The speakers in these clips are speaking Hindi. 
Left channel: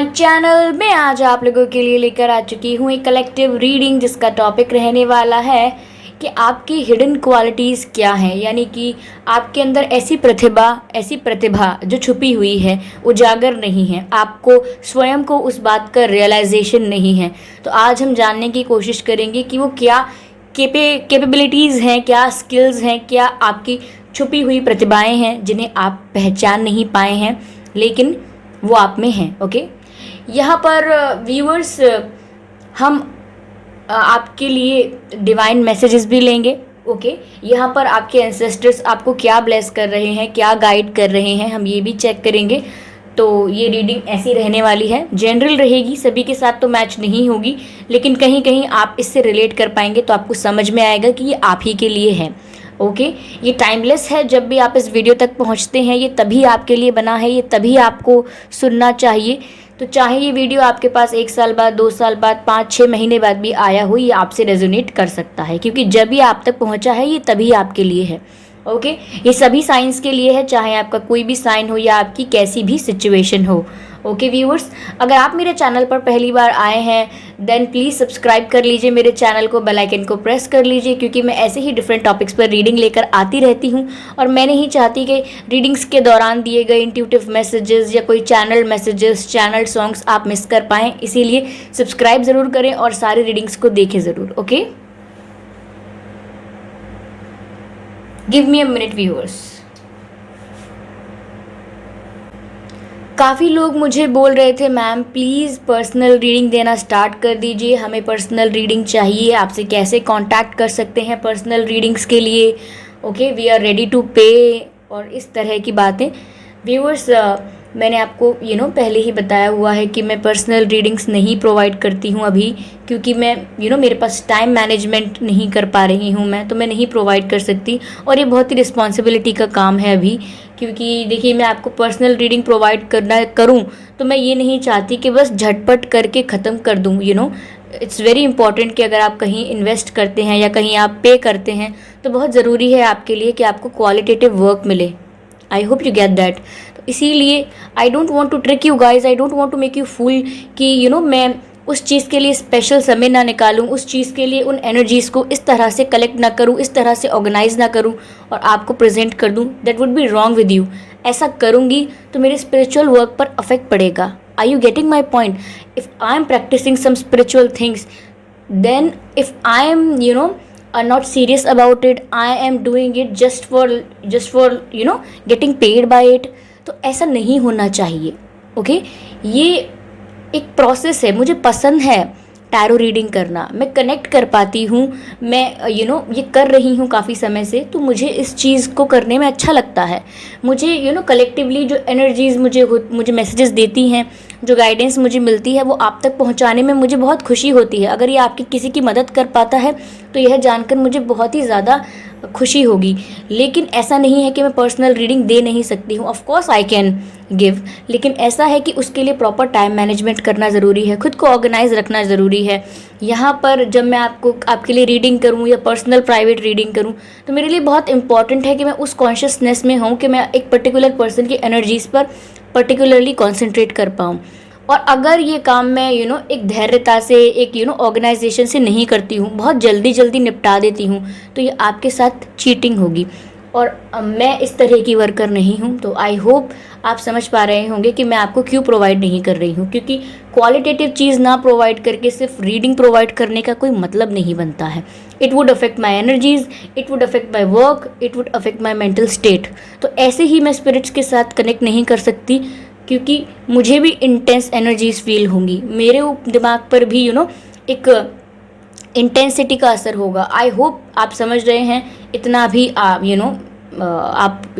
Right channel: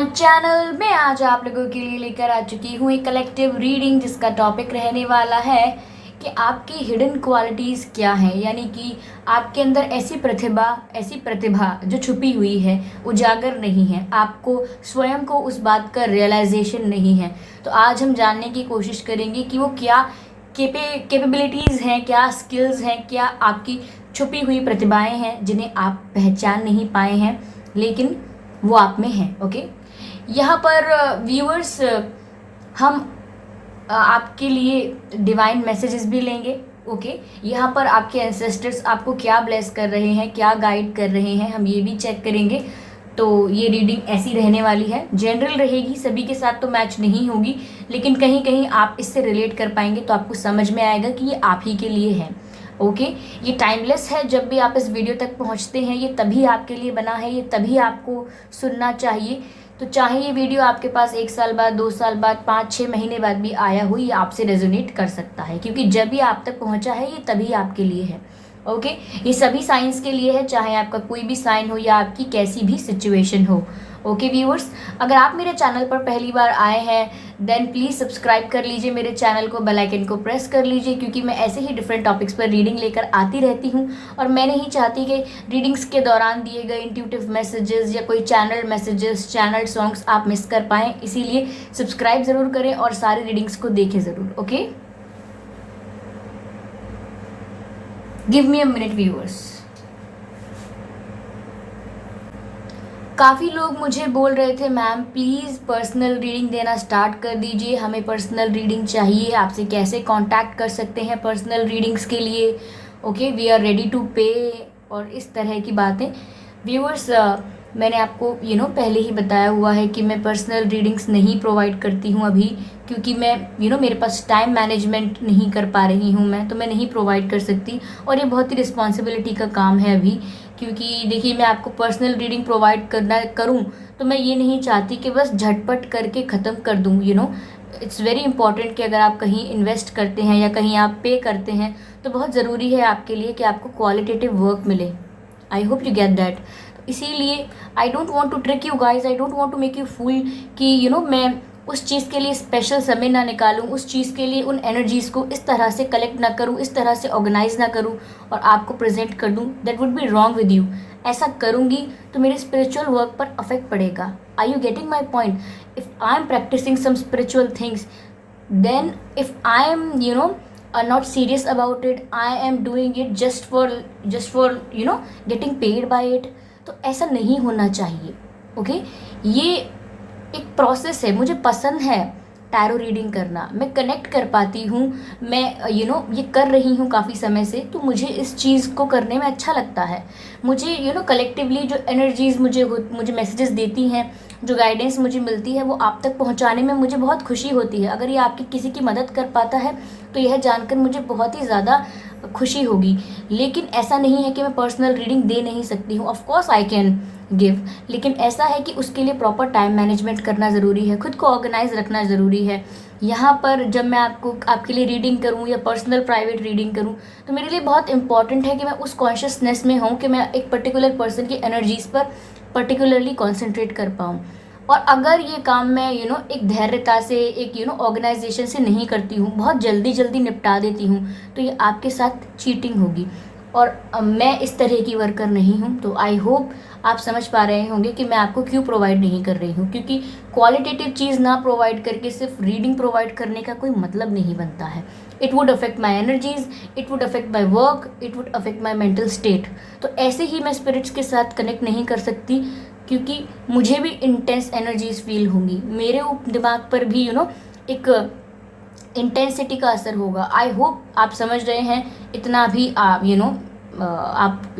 माय चैनल में आज आप लोगों के लिए लेकर आ चुकी हूँ एक कलेक्टिव रीडिंग जिसका टॉपिक रहने वाला है कि आपकी हिडन क्वालिटीज़ क्या हैं, यानी कि आपके अंदर ऐसी प्रतिभा जो छुपी हुई है, उजागर नहीं है, आपको स्वयं को उस बात का रियलाइजेशन नहीं है। तो आज हम जानने की कोशिश करेंगे कि वो क्या कैपेबिलिटीज़ हैं, क्या स्किल्स हैं, क्या आपकी छुपी हुई प्रतिभाएं हैं जिन्हें आप पहचान नहीं पाए हैं लेकिन वो आप में हैं। ओके, यहाँ पर व्यूअर्स हम आपके लिए डिवाइन मैसेजेस भी लेंगे। ओके, यहाँ पर आपके एंसेस्टर्स आपको क्या ब्लेस कर रहे हैं, क्या गाइड कर रहे हैं, हम ये भी चेक करेंगे। तो ये रीडिंग ऐसी रहने वाली है, जनरल रहेगी, सभी के साथ तो मैच नहीं होगी, लेकिन कहीं कहीं आप इससे रिलेट कर पाएंगे तो आपको समझ में आएगा कि ये आप ही के लिए है। ओके, ये टाइमलेस है। जब भी आप इस वीडियो तक पहुंचते हैं ये तभी आपके लिए बना है, ये तभी आपको सुनना चाहिए। तो चाहे ये वीडियो आपके पास 1 साल बाद, 2 साल बाद, 5-6 महीने बाद भी आया हो, ये आपसे रेजोनेट कर सकता है, क्योंकि जब भी आप तक पहुंचा है ये तभी आपके लिए है। ओके, ये सभी साइंस के लिए है, चाहे आपका कोई भी साइन हो या आपकी कैसी भी सिचुएशन हो। ओके व्यूअर्स, अगर आप मेरे चैनल पर पहली बार आए हैं देन प्लीज़ सब्सक्राइब कर लीजिए मेरे चैनल को, बेल आइकन को प्रेस कर लीजिए, क्योंकि मैं ऐसे ही डिफरेंट टॉपिक्स पर रीडिंग लेकर आती रहती हूँ और मैं नहीं चाहती कि रीडिंग्स के दौरान दिए गए इंट्यूटिव मैसेजेस या कोई चैनल मैसेजेस, चैनल सॉन्ग्स आप मिस कर पाएँ। इसीलिए सब्सक्राइब ज़रूर करें और सारे रीडिंग्स को देखें ज़रूर। Okay, give me a minute viewers. काफ़ी लोग मुझे बोल रहे थे मैम प्लीज़ पर्सनल रीडिंग देना स्टार्ट कर दीजिए, हमें पर्सनल रीडिंग चाहिए, आपसे कैसे कांटेक्ट कर सकते हैं पर्सनल रीडिंग्स के लिए। Okay, we are ready to pay और इस तरह की बातें। व्यूअर्स, मैंने आपको पहले ही बताया हुआ है कि मैं पर्सनल रीडिंग्स नहीं प्रोवाइड करती हूँ अभी, क्योंकि मैं मेरे पास टाइम मैनेजमेंट नहीं कर पा रही हूँ मैं, तो मैं नहीं प्रोवाइड कर सकती और ये बहुत ही रिस्पॉन्सिबिलिटी का काम है अभी। क्योंकि देखिए, मैं आपको पर्सनल रीडिंग प्रोवाइड करूँ तो मैं ये नहीं चाहती कि बस झटपट करके ख़त्म कर दूँ। इट्स वेरी इंपॉर्टेंट कि अगर आप कहीं इन्वेस्ट करते हैं या कहीं आप पे करते हैं तो बहुत ज़रूरी है आपके लिए कि आपको क्वालिटेटिव वर्क मिले। I hope you get that. तो इसीलिए I don't want to trick you guys, I don't want to make you fool कि मैं उस चीज़ के लिए स्पेशल समय ना निकालूं, उस चीज़ के लिए उन एनर्जीज़ को इस तरह से कलेक्ट ना करूं, इस तरह से ऑर्गेनाइज ना करूं और आपको प्रेजेंट कर दूं। That would be wrong with you. ऐसा करूंगी तो मेरे स्पिरिचुअल वर्क पर अफेक्ट पड़ेगा। Are you getting my point? If I am practising some spiritual things, then if I am not serious about it, I am doing it just for getting paid by it, तो ऐसा नहीं होना चाहिए। ओके, ये एक प्रोसेस है, मुझे पसंद है टैरो रीडिंग करना, मैं कनेक्ट कर पाती हूँ, मैं ये कर रही हूँ काफ़ी समय से, तो मुझे इस चीज़ को करने में अच्छा लगता है। मुझे कलेक्टिवली जो एनर्जीज़ मुझे मैसेजेस देती हैं, जो गाइडेंस मुझे मिलती है, वो आप तक पहुंचाने में मुझे बहुत खुशी होती है। अगर ये आपकी किसी की मदद कर पाता है तो यह जानकर मुझे बहुत ही ज़्यादा खुशी होगी। लेकिन ऐसा नहीं है कि मैं पर्सनल रीडिंग दे नहीं सकती हूँ, of course I can give, लेकिन ऐसा है कि उसके लिए प्रॉपर टाइम मैनेजमेंट करना ज़रूरी है, खुद को ऑर्गेनाइज रखना ज़रूरी है। यहाँ पर जब मैं आपके लिए रीडिंग करूँ या पर्सनल प्राइवेट रीडिंग करूँ तो मेरे लिए बहुत इंपॉर्टेंट है कि मैं उस कॉन्शियसनेस में हूँ कि मैं एक पर्टिकुलर पर्सन की एनर्जीज़ पर पर्टिकुलरली कॉन्सेंट्रेट कर पाऊँ। और अगर ये काम मैं एक धैर्यता से, एक ऑर्गेनाइजेशन से नहीं करती हूँ, बहुत जल्दी निपटा देती हूँ, तो ये आपके साथ चीटिंग होगी और मैं इस तरह की वर्कर नहीं हूँ। तो आई होप आप समझ पा रहे होंगे कि मैं आपको क्यों प्रोवाइड नहीं कर रही हूँ, क्योंकि क्वालिटेटिव चीज़ ना प्रोवाइड करके सिर्फ रीडिंग प्रोवाइड करने का कोई मतलब नहीं बनता है। It would affect my energies, it would affect my work, it would affect my mental state. तो ऐसे ही मैं स्पिरिट्स के साथ कनेक्ट नहीं कर सकती, क्योंकि मुझे भी इंटेंस एनर्जीज फील होंगी, मेरे दिमाग पर भी एक इंटेंसिटी का असर होगा। आई होप आप समझ रहे हैं, इतना भी आप आप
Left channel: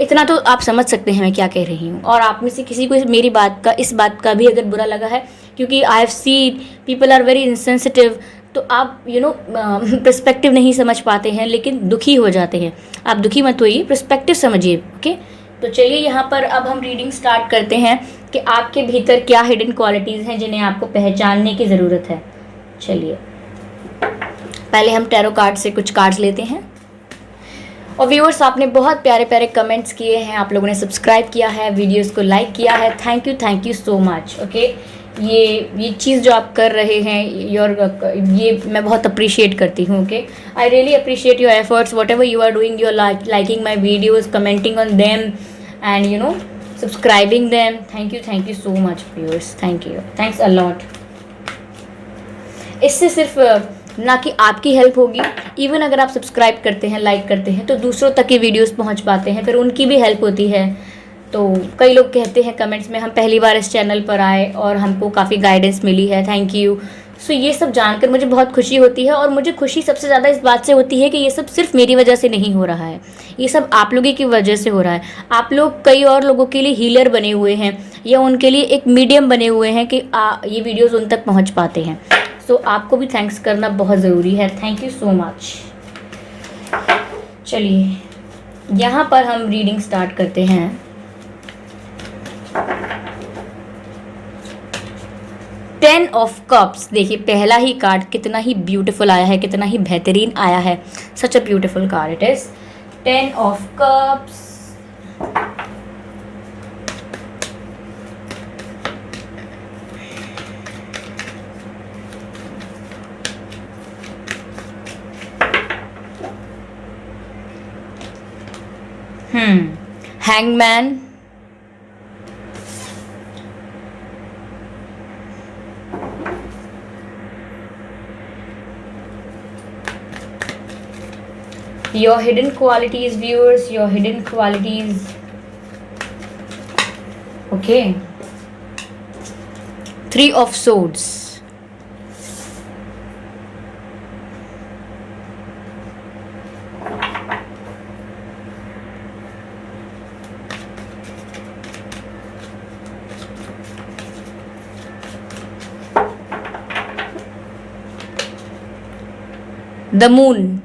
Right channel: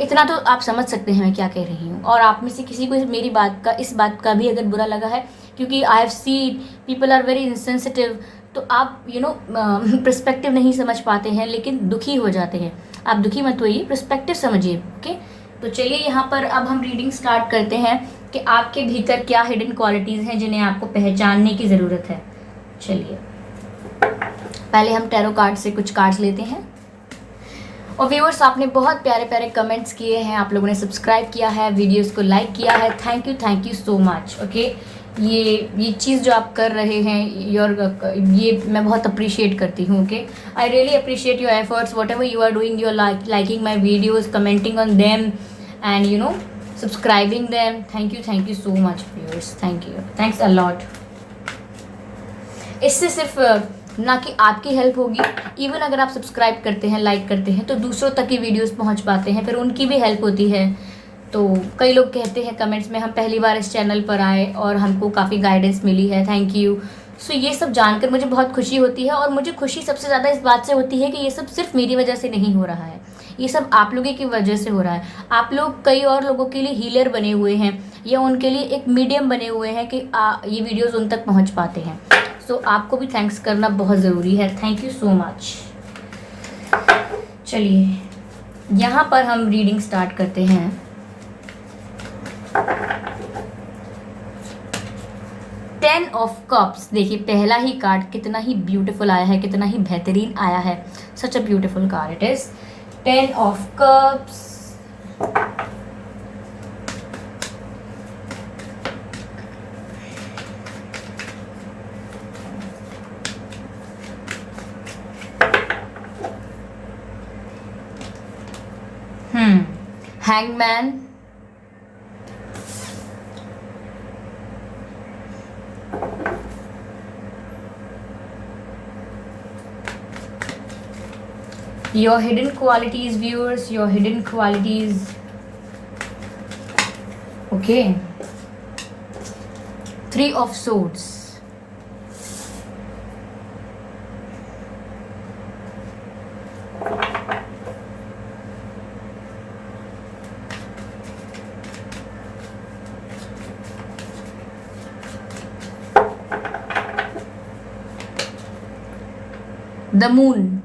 इतना तो आप समझ सकते हैं मैं क्या कह रही हूँ। और आप में से किसी को मेरी इस बात का भी अगर बुरा लगा है, क्योंकि I have seen people are very insensitive, तो आप पर्सपेक्टिव नहीं समझ पाते हैं लेकिन दुखी हो जाते हैं। आप दुखी मत होइए, पर्सपेक्टिव समझिए। ओके, तो चलिए यहाँ पर अब हम रीडिंग स्टार्ट करते हैं कि आपके भीतर क्या हिडन क्वालिटीज़ हैं जिन्हें आपको पहचानने की ज़रूरत है। चलिए पहले हम टैरो कार्ड से कुछ कार्ड्स लेते हैं। और व्यूअर्स, आपने बहुत प्यारे प्यारे कमेंट्स किए हैं, आप लोगों ने सब्सक्राइब किया है, वीडियोस को लाइक किया है, thank you so much. Okay, ये चीज़ जो आप कर रहे हैं ये मैं बहुत अप्रिशिएट करती हूँ। Okay, I really appreciate your efforts, whatever you are doing, you are liking my videos, commenting on them and subscribing them. Thank you so much viewers, thanks a lot. इससे सिर्फ ना कि आपकी हेल्प होगी, इवन अगर आप सब्सक्राइब करते हैं, लाइक करते हैं, तो दूसरों तक ये वीडियोस पहुंच पाते हैं, फिर उनकी भी हेल्प होती है। तो कई लोग कहते हैं कमेंट्स में, हम पहली बार इस चैनल पर आए और हमको काफ़ी गाइडेंस मिली है, थैंक यू। सो ये सब जानकर मुझे बहुत खुशी होती है, और मुझे खुशी सबसे ज़्यादा इस बात से होती है कि ये सब सिर्फ मेरी वजह से नहीं हो रहा है, ये सब आप लोगों की वजह से हो रहा है। आप लोग कई और लोगों के लिए हीलर बने हुए हैं, या उनके लिए एक मीडियम बने हुए हैं कि ये वीडियोज़ उन तक पहुँच पाते हैं। सो आपको भी थैंक्स करना बहुत ज़रूरी है, थैंक यू सो मच। चलिए यहाँ पर हम रीडिंग स्टार्ट करते हैं। टेन ऑफ कप्स, देखिए पहला ही कार्ड कितना ही ब्यूटीफुल आया है, कितना ही बेहतरीन आया है, such a beautiful card it is. Ten of cups, hangman, your hidden qualities viewers, your hidden qualities. Okay, Three of Swords, the Moon,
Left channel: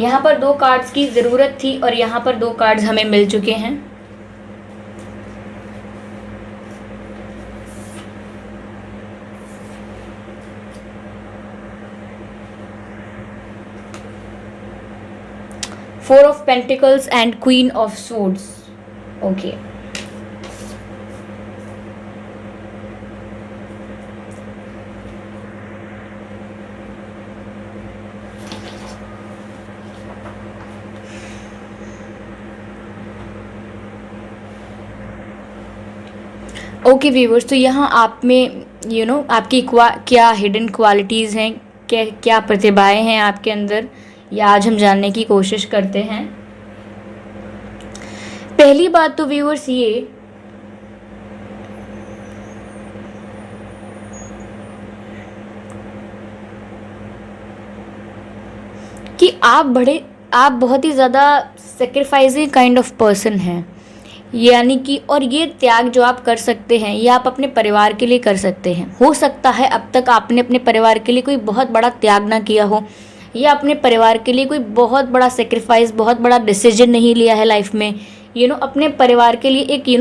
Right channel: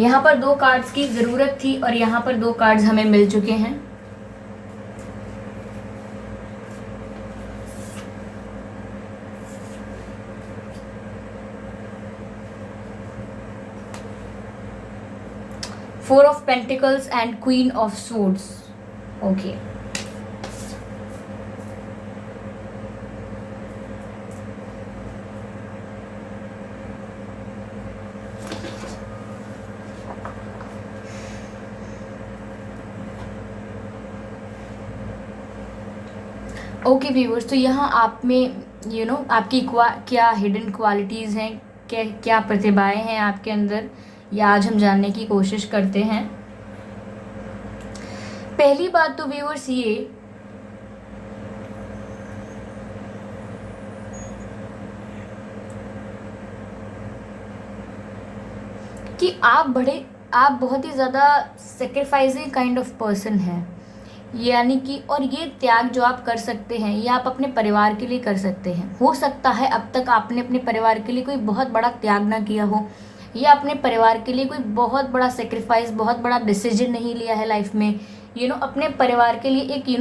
यहाँ पर दो कार्ड्स की ज़रूरत थी और यहाँ पर दो कार्ड्स हमें मिल चुके हैं। Four of Pentacles and Queen of Swords. Okay. Okay viewers, तो यहाँ आप में आपकी क्या हिडन क्वालिटीज़ हैं, क्या प्रतिभाएं हैं आपके अंदर, ये आज हम जानने की कोशिश करते हैं। पहली बात तो व्यूअर्स ये कि आप बहुत ही ज़्यादा सेक्रीफाइसिंग काइंड ऑफ पर्सन हैं, यानी कि और ये त्याग जो आप कर सकते हैं ये आप अपने परिवार के लिए कर सकते हैं। हो सकता है अब तक आपने अपने परिवार के लिए कोई बहुत बड़ा त्याग ना किया हो, या अपने परिवार के लिए कोई बहुत बड़ा सेक्रीफाइस, बहुत बड़ा डिसीजन नहीं लिया है लाइफ में। अपने परिवार के लिए एक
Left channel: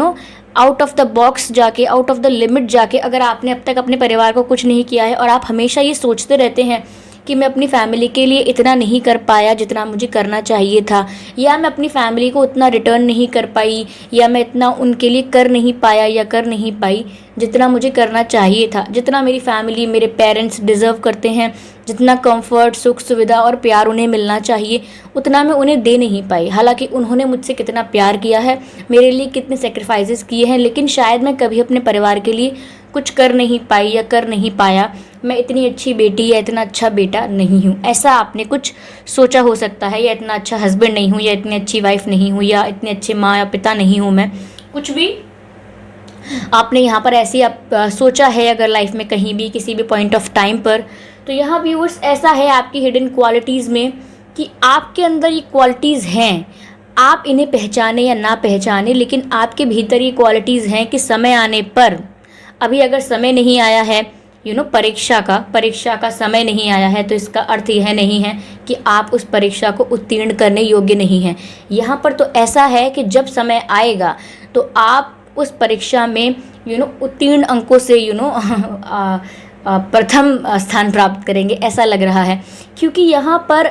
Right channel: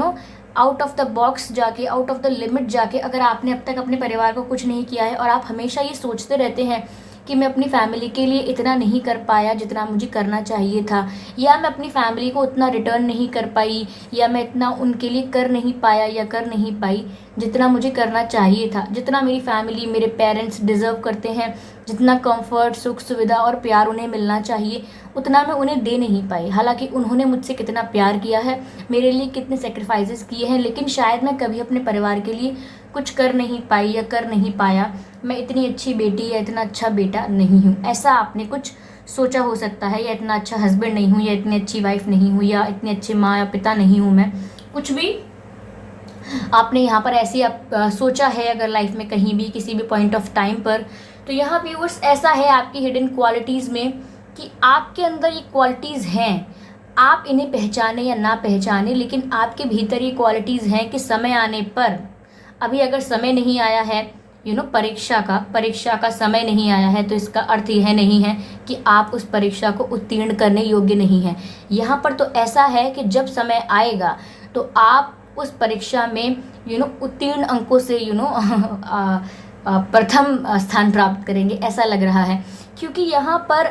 आउट ऑफ द बॉक्स जाके, आउट ऑफ द लिमिट जाके अगर आपने अब तक अपने परिवार को कुछ नहीं किया है, और आप हमेशा ये सोचते रहते हैं कि मैं अपनी फैमिली के लिए इतना नहीं कर पाया जितना मुझे करना चाहिए था, या मैं अपनी फैमिली को उतना रिटर्न नहीं कर पाई, या मैं इतना उनके लिए कर नहीं पाया या कर नहीं पाई जितना मुझे करना चाहिए था, जितना मेरी फैमिली, मेरे पेरेंट्स डिज़र्व करते हैं, जितना कंफर्ट, सुख, सुविधा और प्यार उन्हें मिलना चाहिए उतना मैं उन्हें दे नहीं पाई। हालांकि उन्होंने मुझसे कितना प्यार किया है, मेरे लिए कितने सेक्रीफाइसेस किए हैं, लेकिन शायद मैं कभी अपने परिवार के लिए कुछ कर नहीं पाई या कर नहीं पाया। मैं इतनी अच्छी बेटी या इतना अच्छा बेटा नहीं हूँ, ऐसा आपने कुछ सोचा हो सकता है, या इतना अच्छा हस्बैंड नहीं हूँ, या इतनी अच्छी वाइफ नहीं हूँ, या इतने अच्छे माँ या पिता नहीं हूँ मैं, कुछ भी आपने यहाँ पर ऐसी सोचा है अगर लाइफ में कहीं भी किसी भी पॉइंट ऑफ टाइम पर। तो यहाँ व्यूअर्स ऐसा है आपकी हिडन क्वालिटीज़ में कि आपके अंदर ये क्वालिटीज़ हैं, आप इन्हें पहचाने या ना पहचाने, लेकिन आपके भीतर ये क्वालिटीज़ हैं कि समय आने पर, अभी अगर समय नहीं आया है, परीक्षा का समय नहीं आया है, तो इसका अर्थ यह नहीं है कि आप उस परीक्षा को उत्तीर्ण करने योग्य नहीं हैं। यहाँ पर तो ऐसा है कि जब समय आएगा तो आप उस परीक्षा में उत्तीर्ण अंकों से प्रथम स्थान प्राप्त करेंगे, ऐसा लग रहा है। क्योंकि यहाँ पर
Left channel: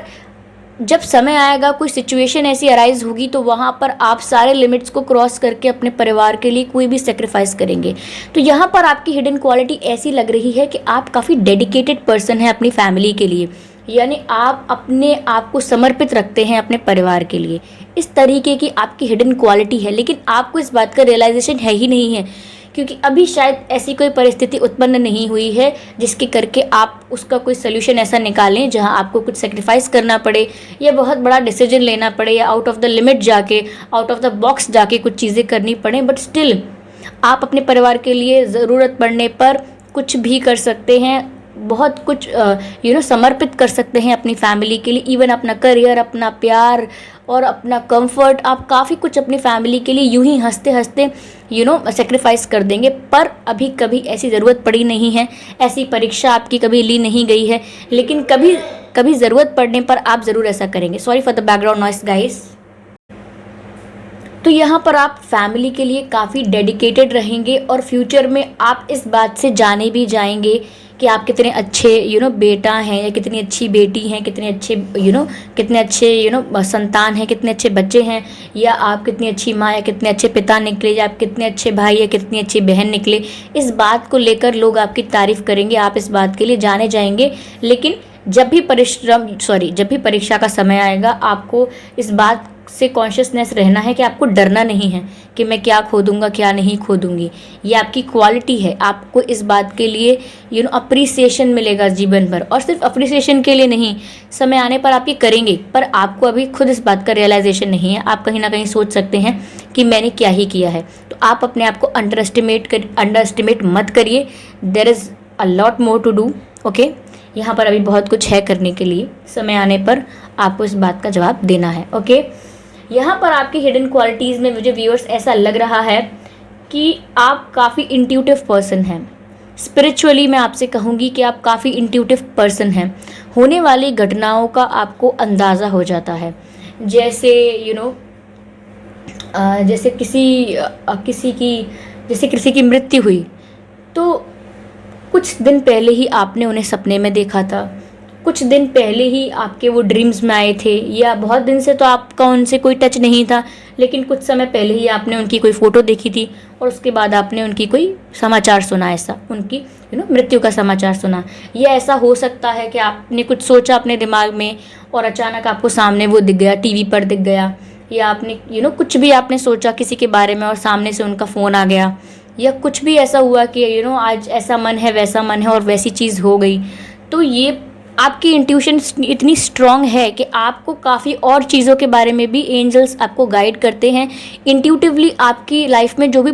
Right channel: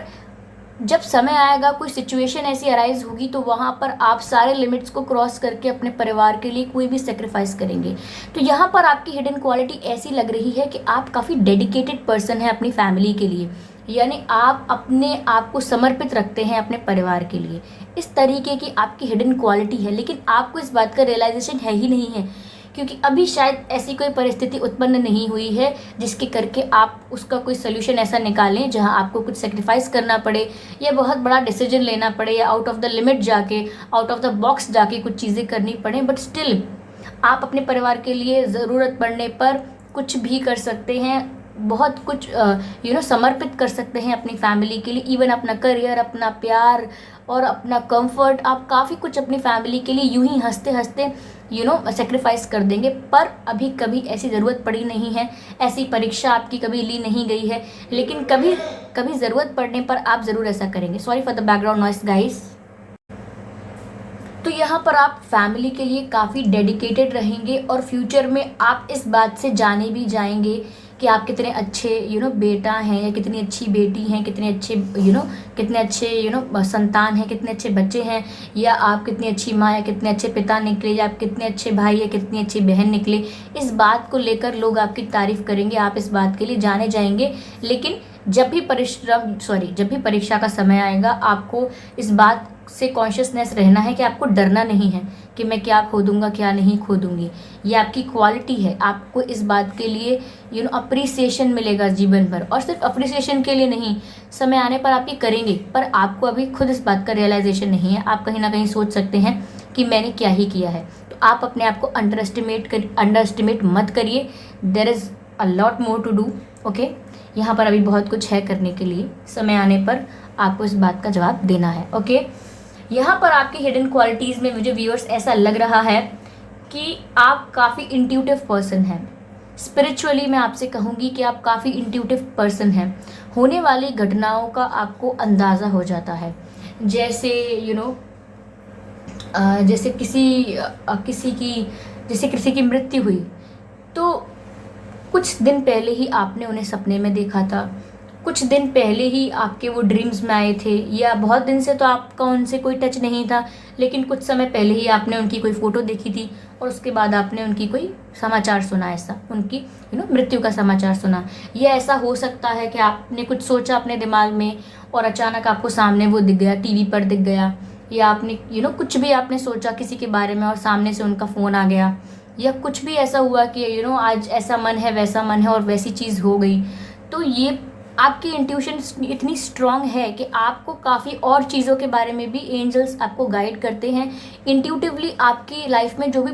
जब समय आएगा, कोई सिचुएशन ऐसी अराइज होगी, तो वहाँ पर आप सारे लिमिट्स को क्रॉस करके अपने परिवार के लिए कोई भी सेक्रीफाइस करेंगे। तो यहाँ पर आपकी हिडन क्वालिटी ऐसी लग रही है कि आप काफ़ी डेडिकेटेड पर्सन हैं अपनी फैमिली के लिए, यानी आप अपने आप को समर्पित रखते हैं अपने परिवार के लिए। इस तरीके की आपकी हिडन क्वालिटी है, लेकिन आपको इस बात का रियलाइजेशन है ही नहीं है, क्योंकि अभी शायद ऐसी कोई परिस्थिति उत्पन्न नहीं हुई है जिसके करके आप उसका कोई सोल्यूशन ऐसा निकालें जहां आपको कुछ सेक्रीफाइस करना पड़े या बहुत बड़ा डिसीजन लेना पड़े या आउट ऑफ द लिमिट जाके, आउट ऑफ द बॉक्स जाके कुछ चीज़ें करनी पड़े। बट स्टिल आप अपने परिवार के लिए ज़रूरत पड़ने पर कुछ भी कर सकते हैं, बहुत कुछ समर्पित कर सकते हैं अपनी फैमिली के लिए। इवन अपना करियर, अपना प्यार और अपना कंफर्ट, आप काफ़ी कुछ अपनी फैमिली के लिए यूं ही हंसते हंसते सेक्रीफाइस कर देंगे। पर अभी कभी ऐसी ज़रूरत पड़ी नहीं है, ऐसी परीक्षा आपकी कभी ली नहीं गई है, लेकिन कभी कभी ज़रूरत पड़ने पर आप ज़रूर ऐसा करेंगे। Sorry for the background noise guys. तो यहाँ पर आप फैमिली के लिए काफ़ी डेडिकेटेड रहेंगे और फ्यूचर में आप इस बात से जाने भी जाएंगे कि आप कितने अच्छे बेटा हैं या कितनी अच्छी बेटी हैं, कितने अच्छे संतान हैं, कितने अच्छे बच्चे हैं, या आप कितनी अच्छी माँ या कितने अच्छे पिता निकले, या आप कितने अच्छे भाई या कितनी अच्छी बहन निकले। इस बात को लेकर लोग आपकी तारीफ़ करेंगे, आप इस बात के लिए जाने जाएंगे। लेकिन जब भी परीक्षा का समय आएगा, आपको इस बात से कॉन्शियसनेस रहना है कि आपको डरना नहीं है कि मैं क्या खो दूंगा, क्या नहीं खो दूंगी। ये आपकी क्वालिटी है। आपको इस बात के लिए अप्रिसिएशन मिलेगा जीवन भर, और सिर्फ अप्रिसिएशन के लिए नहीं, समय आने पर आप ये करेंगे, पर आपको अभी खुद इस बात का रियलाइजेशन नहीं है। आप कहीं ना कहीं सोच सकते हैं कि मैंने क्या ही किया है। तो आप अपने आप को अंडर एस्टिमेट मत करिए। There is a lot more to do. Okay, यहाँ पर अभी बहुत कुछ है करने के लिए। समय आने पर आपको इस बात का जवाब देना है। ओके, यहाँ पर आपकी हिडन क्वालिटीज़ में मुझे व्यूअर्स ऐसा लग रहा है कि आप काफ़ी इंट्यूटिव पर्सन हैं। स्पिरिचुअली मैं आपसे कहूँगी कि आप काफ़ी इंट्यूटिव पर्सन हैं। होने वाली घटनाओं का आपको अंदाज़ा हो जाता है। जैसे जैसे किसी की मृत्यु हुई, तो कुछ दिन पहले ही आपने उन्हें सपने में देखा था, कुछ दिन पहले ही आपके वो ड्रीम्स में आए थे, या बहुत दिन से तो आपका उनसे कोई टच नहीं था, लेकिन कुछ समय पहले ही आपने उनकी कोई फ़ोटो देखी थी और उसके बाद आपने उनकी कोई समाचार सुना, ऐसा उनकी मृत्यु का समाचार सुना। या ऐसा हो सकता है कि आपने कुछ सोचा अपने दिमाग में और अचानक आपको सामने वो दिख गया, टीवी पर दिख गया, या आपने कुछ भी आपने सोचा किसी के बारे में और सामने से उनका फ़ोन आ गया, या कुछ भी ऐसा हुआ कि आज ऐसा मन है, वैसा मन है और वैसी चीज़ हो गई। तो ये आपकी इंट्यूशन इतनी स्ट्रॉन्ग है कि आपको काफ़ी और चीज़ों के बारे में भी एंजल्स आपको गाइड करते हैं। इंट्यूटिवली आपकी लाइफ में जो भी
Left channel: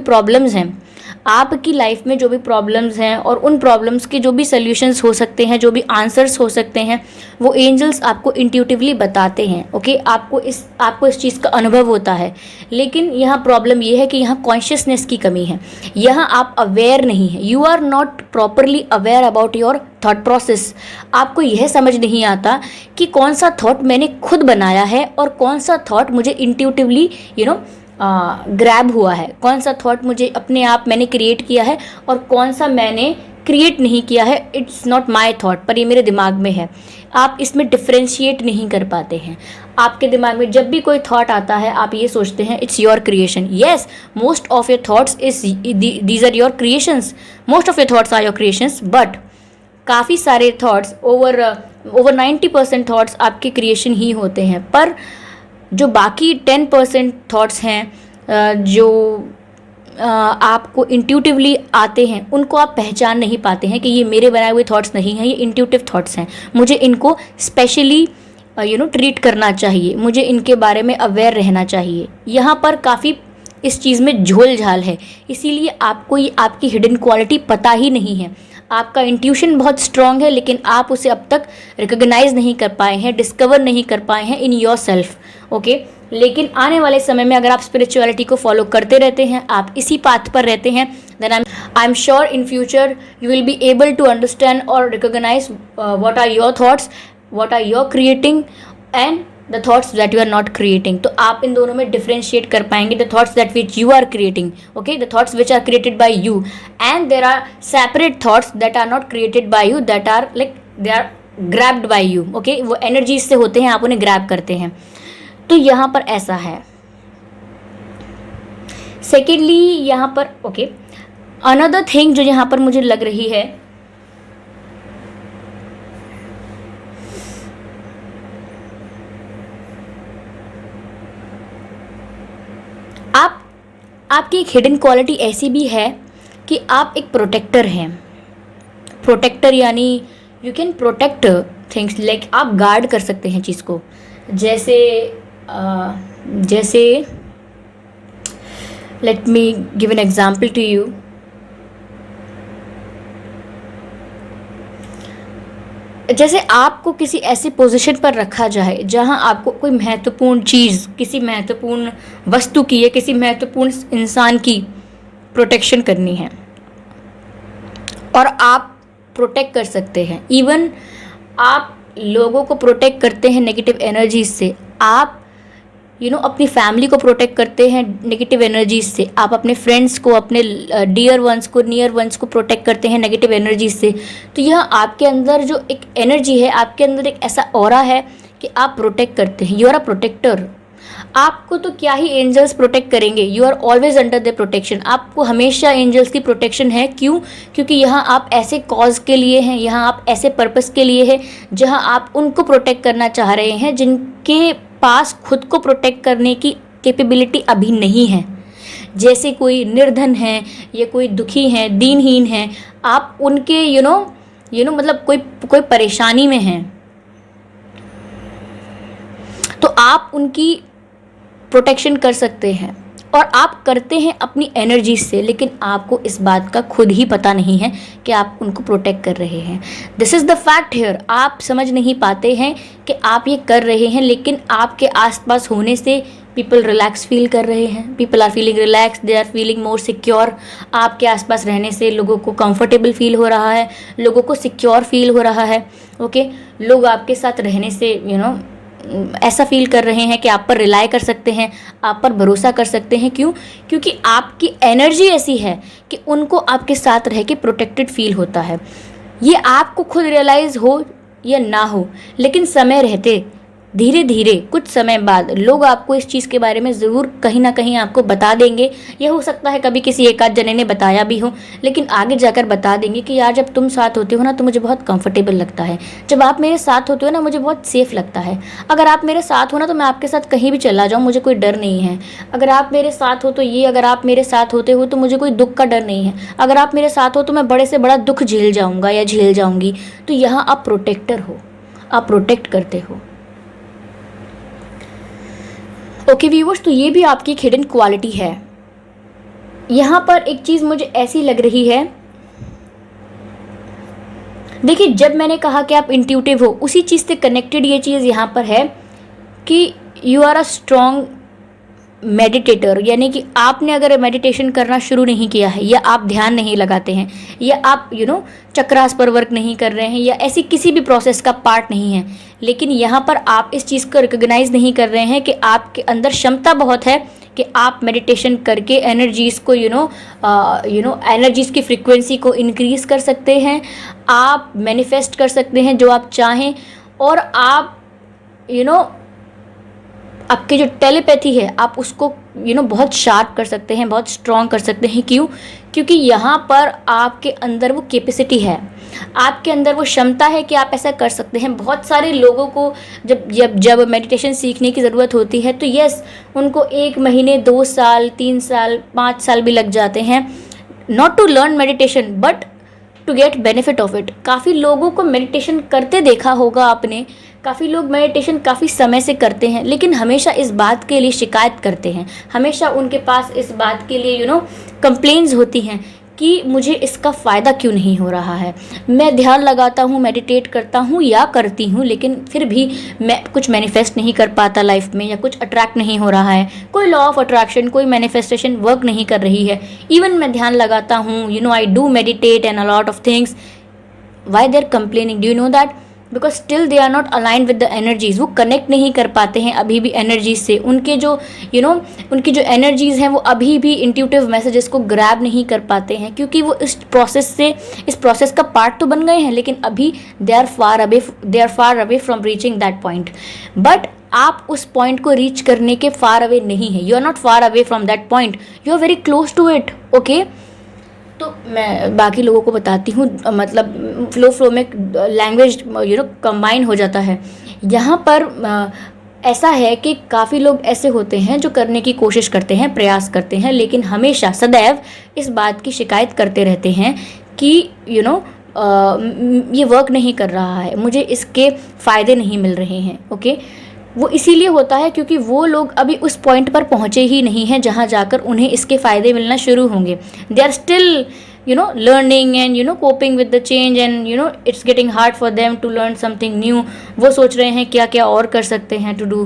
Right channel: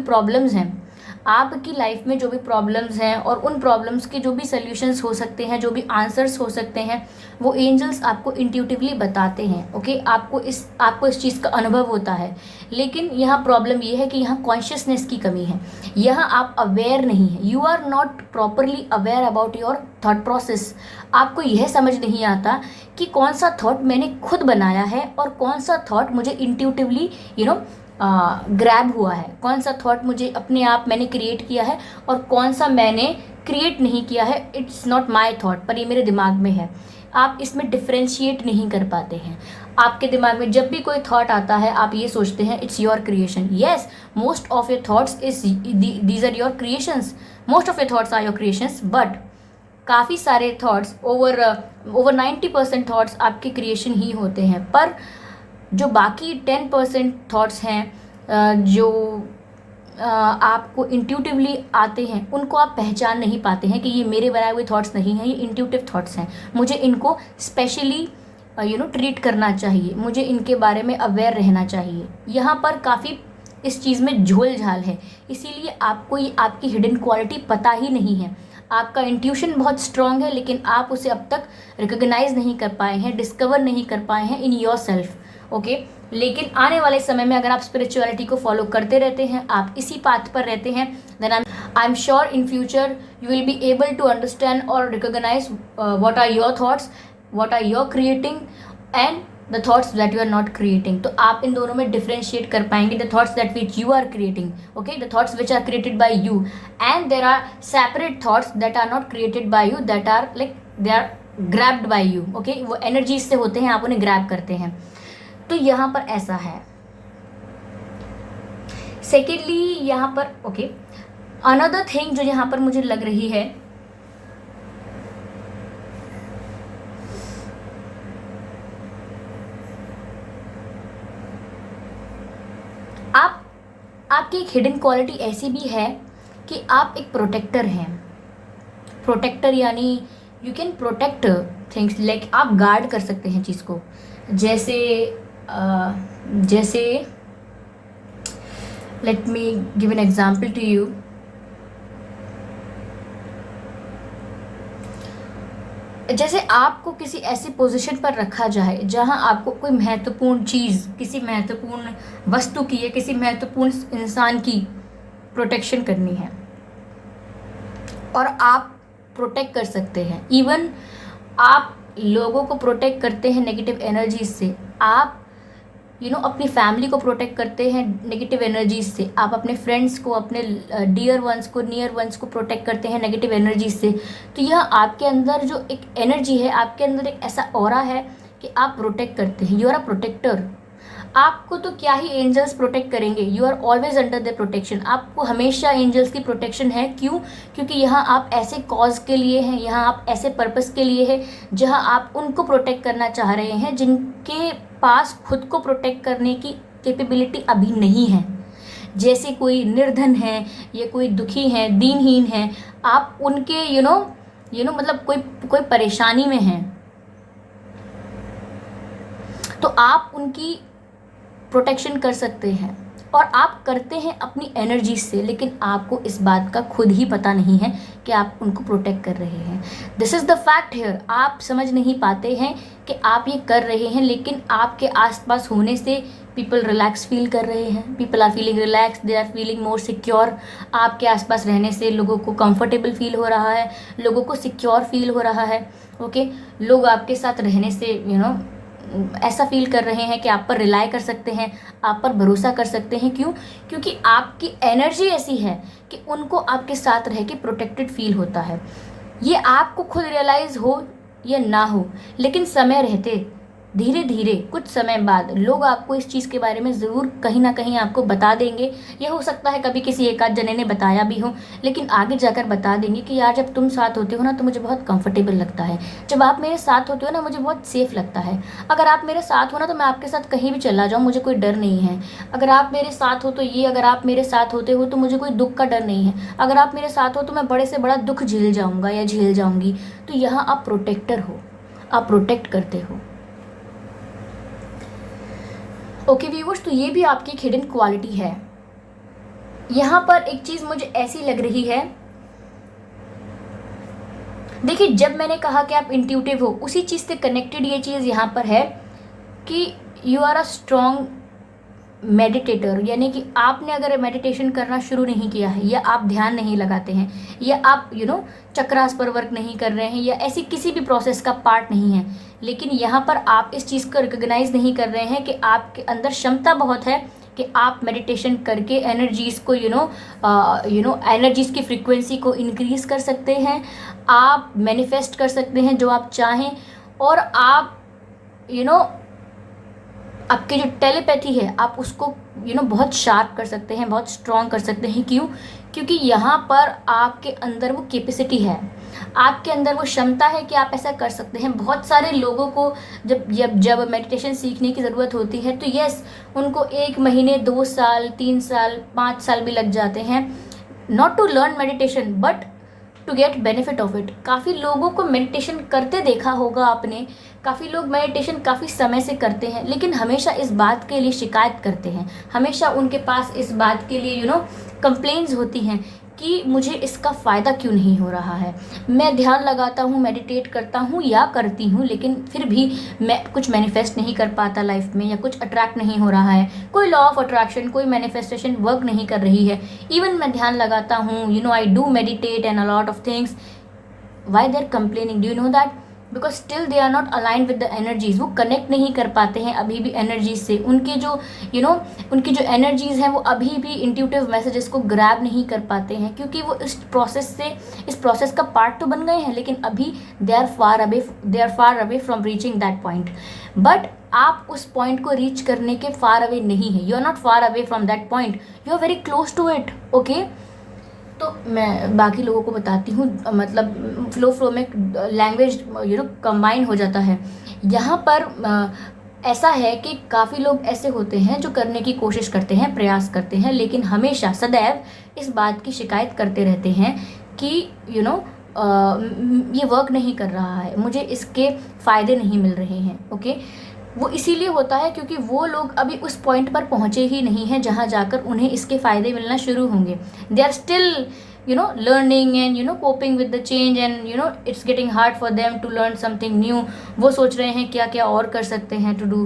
प्रॉब्लम्स हैं और उन प्रॉब्लम्स के जो भी सल्यूशंस हो सकते हैं, जो भी आंसर्स हो सकते हैं, वो एंजल्स आपको इंट्यूटिवली बताते हैं। ओके, आपको इस चीज़ का अनुभव होता है। लेकिन यहाँ प्रॉब्लम ये है कि यहाँ कॉन्शियसनेस की कमी है। यहाँ आप अवेयर नहीं है। You are not properly aware about your thought process. आपको यह समझ नहीं आता कि कौन सा थॉट मैंने खुद बनाया है और कौन सा थॉट मुझे इंट्यूटिवली ग्रैब हुआ है, कौन सा थॉट मुझे अपने आप मैंने क्रिएट किया है और कौन सा मैंने क्रिएट नहीं किया है। इट्स नॉट माई थॉट, पर ये मेरे दिमाग में है। आप इसमें डिफ्रेंशिएट नहीं कर पाते हैं। आपके दिमाग में जब भी कोई थॉट आता है, आप ये सोचते हैं it's your creation. Yes, most of your thoughts these are your creations, most of your thoughts are your creations, but काफ़ी सारे थॉट्स, ओवर 90% थॉट्स आपके क्रिएशन ही होते हैं। पर जो बाकी 10% थॉट्स हैं जो आपको इंट्यूटिवली आते हैं, उनको आप पहचान नहीं पाते हैं कि ये मेरे बनाए हुए थॉट्स नहीं हैं, ये इंट्यूटिव थॉट्स हैं। मुझे इनको स्पेशली ट्रीट करना चाहिए, मुझे इनके बारे में अवेयर रहना चाहिए। यहाँ पर काफ़ी इस चीज़ में झोल झाल है, इसीलिए आपको ये आपकी हिडन क्वालिटी पता ही नहीं है। आपका इंट्यूशन बहुत स्ट्रांग है, लेकिन आप उसे अब तक रिकॉग्नाइज नहीं कर पाए हैं, डिस्कवर नहीं कर पाए हैं इन योर सेल्फ। ओके, लेकिन आने वाले समय में अगर आप स्पिरिचुअलिटी को फॉलो करते रहते हैं, आप इसी पाथ पर रहते हैं, then I am sure in future you will be able to understand और recognise what are your thoughts, what are your creating and the thoughts that you are not creating. तो आप इन दोनों में डिफ्रेंशिएट कर पाएंगे. The thoughts that which you are creating, okay, the thoughts which are created by you, and there are separate thoughts that are not created by you, that are like they are grabbed by you. Okay, वो एनर्जीज से होते हैं, आप उन्हें ग्रैब करते हैं. तो यहाँ पर ऐसा है. सेकेंडली यहाँ पर ओके, अनदर थिंग जो यहाँ पर मुझे लग रही है, आपकी एक हिडन क्वालिटी ऐसी भी है कि आप एक प्रोटेक्टर हैं. प्रोटेक्टर यानी you can protect things, like आप गार्ड कर सकते हैं चीज़ को. जैसे जैसे let me give an example to you. जैसे आपको किसी ऐसी पोजीशन पर रखा जाए जहां आपको कोई महत्वपूर्ण चीज़, किसी महत्वपूर्ण वस्तु की या किसी महत्वपूर्ण इंसान की प्रोटेक्शन करनी है और आप प्रोटेक्ट कर सकते हैं. इवन आप लोगों को प्रोटेक्ट करते हैं नेगेटिव एनर्जीज से. आप अपनी फैमिली को प्रोटेक्ट करते हैं नेगेटिव एनर्जीज से. आप अपने फ्रेंड्स को, अपने डियर वंस को, नियर वंस को प्रोटेक्ट करते हैं नेगेटिव एनर्जीज से. तो यह आपके अंदर जो एक एनर्जी है, आपके अंदर एक ऐसा ऑरा है कि आप प्रोटेक्ट करते हैं. You are a protector. आपको तो क्या ही एंजल्स प्रोटेक्ट करेंगे, you are always under the protection. आपको हमेशा एंजल्स की प्रोटेक्शन है. क्यों? क्योंकि यहाँ आप ऐसे कॉज के लिए हैं, यहाँ आप ऐसे पर्पस के लिए हैं जहाँ आप उनको प्रोटेक्ट करना चाह रहे हैं जिनके पास खुद को प्रोटेक्ट करने की कैपेबिलिटी अभी नहीं है. जैसे कोई निर्धन है या कोई दुखी है, दीनहीन है, आप उनके मतलब कोई परेशानी में हैं तो आप उनकी प्रोटेक्शन कर सकते हैं और आप करते हैं अपनी एनर्जी से. लेकिन आपको इस बात का खुद ही पता नहीं है कि आप उनको प्रोटेक्ट कर रहे हैं. This is the fact here. आप समझ नहीं पाते हैं कि आप ये कर रहे हैं, लेकिन आपके आसपास होने से पीपल रिलैक्स फील कर रहे हैं. People are feeling relax, they are feeling more secure. आपके आसपास रहने से लोगों को कंफर्टेबल फील हो रहा है, लोगों को सिक्योर फील हो रहा है. ओके, लोग आपके साथ रहने से ऐसा फील कर रहे हैं कि आप पर रिलाई कर सकते हैं, आप पर भरोसा कर सकते हैं. क्यों? क्योंकि आपकी एनर्जी ऐसी है कि उनको आपके साथ रह के प्रोटेक्टेड फील होता है. ये आपको खुद रियलाइज़ हो या ना हो, लेकिन समय रहते धीरे धीरे कुछ समय बाद लोग आपको इस चीज़ के बारे में ज़रूर कहीं ना कहीं आपको बता देंगे. ये हो सकता है कभी किसी एक आध जने ने बताया भी हो, लेकिन आगे जाकर बता देंगे कि यार जब तुम साथ होते हो ना तो मुझे बहुत कंफर्टेबल लगता है. जब आप मेरे साथ होते हो ना मुझे बहुत सेफ़ लगता है. अगर आप मेरे साथ हो ना तो मैं आपके साथ कहीं भी चला जाऊँ, मुझे कोई डर नहीं है. अगर आप मेरे साथ हो तो ये, अगर आप मेरे साथ होते हो तो मुझे कोई दुख का डर नहीं है. अगर आप मेरे साथ हो तो मैं बड़े से बड़ा दुख झेल जाऊँगा या झेल जाऊँगी. तो यहाँ आप प्रोटेक्टर हो, आप प्रोटेक्ट करते हो. ओके व्यूवर्स, तो ये भी आपकी एक हिडन क्वालिटी है. यहाँ पर एक चीज़ मुझे ऐसी लग रही है, देखिए जब मैंने कहा कि आप इंट्यूटिव हो, उसी चीज़ से कनेक्टेड ये चीज़ यहाँ पर है कि you are a strong meditator. यानी कि आपने अगर मेडिटेशन करना शुरू नहीं किया है, या आप ध्यान नहीं लगाते हैं, या आप चक्रास पर वर्क नहीं कर रहे हैं, या ऐसी किसी भी प्रोसेस का पार्ट नहीं है, लेकिन यहाँ पर आप इस चीज़ को रिकॉग्नाइज नहीं कर रहे हैं कि आपके अंदर क्षमता बहुत है कि आप मेडिटेशन करके एनर्जीज़ को एनर्जीज़ की फ्रीक्वेंसी को इंक्रीज़ कर सकते हैं. आप मैनिफेस्ट कर सकते हैं जो आप चाहें, और आप आपकी जो टेलीपैथी है आप उसको बहुत शार्प कर सकते हैं, बहुत स्ट्रॉन्ग कर सकते हैं. क्यों? क्योंकि यहाँ पर आपके अंदर वो कैपेसिटी है, आपके अंदर वो क्षमता है कि आप ऐसा कर सकते हैं. बहुत सारे लोगों को जब मेडिटेशन सीखने की ज़रूरत होती है तो यस, उनको 1 महीने, 2 साल, 3 साल, 5 साल भी लग जाते हैं, not to learn meditation but to get benefit of it. काफ़ी लोगों को मेडिटेशन करते देखा होगा आपने. काफ़ी लोग मेडिटेशन काफ़ी समय से करते हैं, लेकिन हमेशा इस बात के लिए शिकायत करते हैं, हमेशा उनके पास इस बात के लिए कंप्लेंट्स होती हैं कि मुझे इसका फ़ायदा क्यों नहीं हो रहा है। मैं ध्यान लगाता हूँ, मेडिटेट करता हूँ या करती हूँ, लेकिन फिर भी मैं कुछ मैनिफेस्ट नहीं कर पाता लाइफ में, या कुछ अट्रैक्ट नहीं हो रहा है, कोई लॉ ऑफ अट्रैक्शन, कोई मैनिफेस्टेशन वर्क नहीं कर रही है। इवन मैं ध्यान लगाता हूँ, I do meditate and a lot of things, why they are complaining, do you know that? Because still they are not aligned with the energies. वो कनेक्ट नहीं कर पाते हैं अभी भी एनर्जीज से। उनके जो उनकी जो एनर्जीज हैं वो अभी भी इंट्यूटिव मैसेजेस को ग्रैब नहीं कर पाते हैं, क्योंकि वो इस प्रोसेस का पार्ट तो बन गए हैं, लेकिन अभी they are far away from reaching that point. But आप उस पॉइंट को रीच करने के फार अवे नहीं है। You are not far away from that point, you are very close to it. Okay, तो मैं बाकी लोगों को बताती हूँ, मतलब फ्लो में लैंग्वेज कंबाइन हो जाता है। यहाँ पर ऐसा है कि काफ़ी लोग ऐसे होते हैं जो करने की कोशिश करते हैं, प्रयास करते हैं, लेकिन हमेशा सदैव इस बात की शिकायत करते रहते हैं कि ये वर्क नहीं कर रहा है, मुझे इसके फ़ायदे नहीं मिल रहे हैं। ओके, वो इसीलिए होता है क्योंकि वो लोग अभी उस पॉइंट पर पहुँचे ही नहीं हैं जहाँ जाकर उन्हें इसके फ़ायदे मिलना शुरू होंगे। They are still learning and coping with the change, and it's getting hard for them to learn something new. वो सोच रहे हैं क्या क्या और कर सकते हैं to do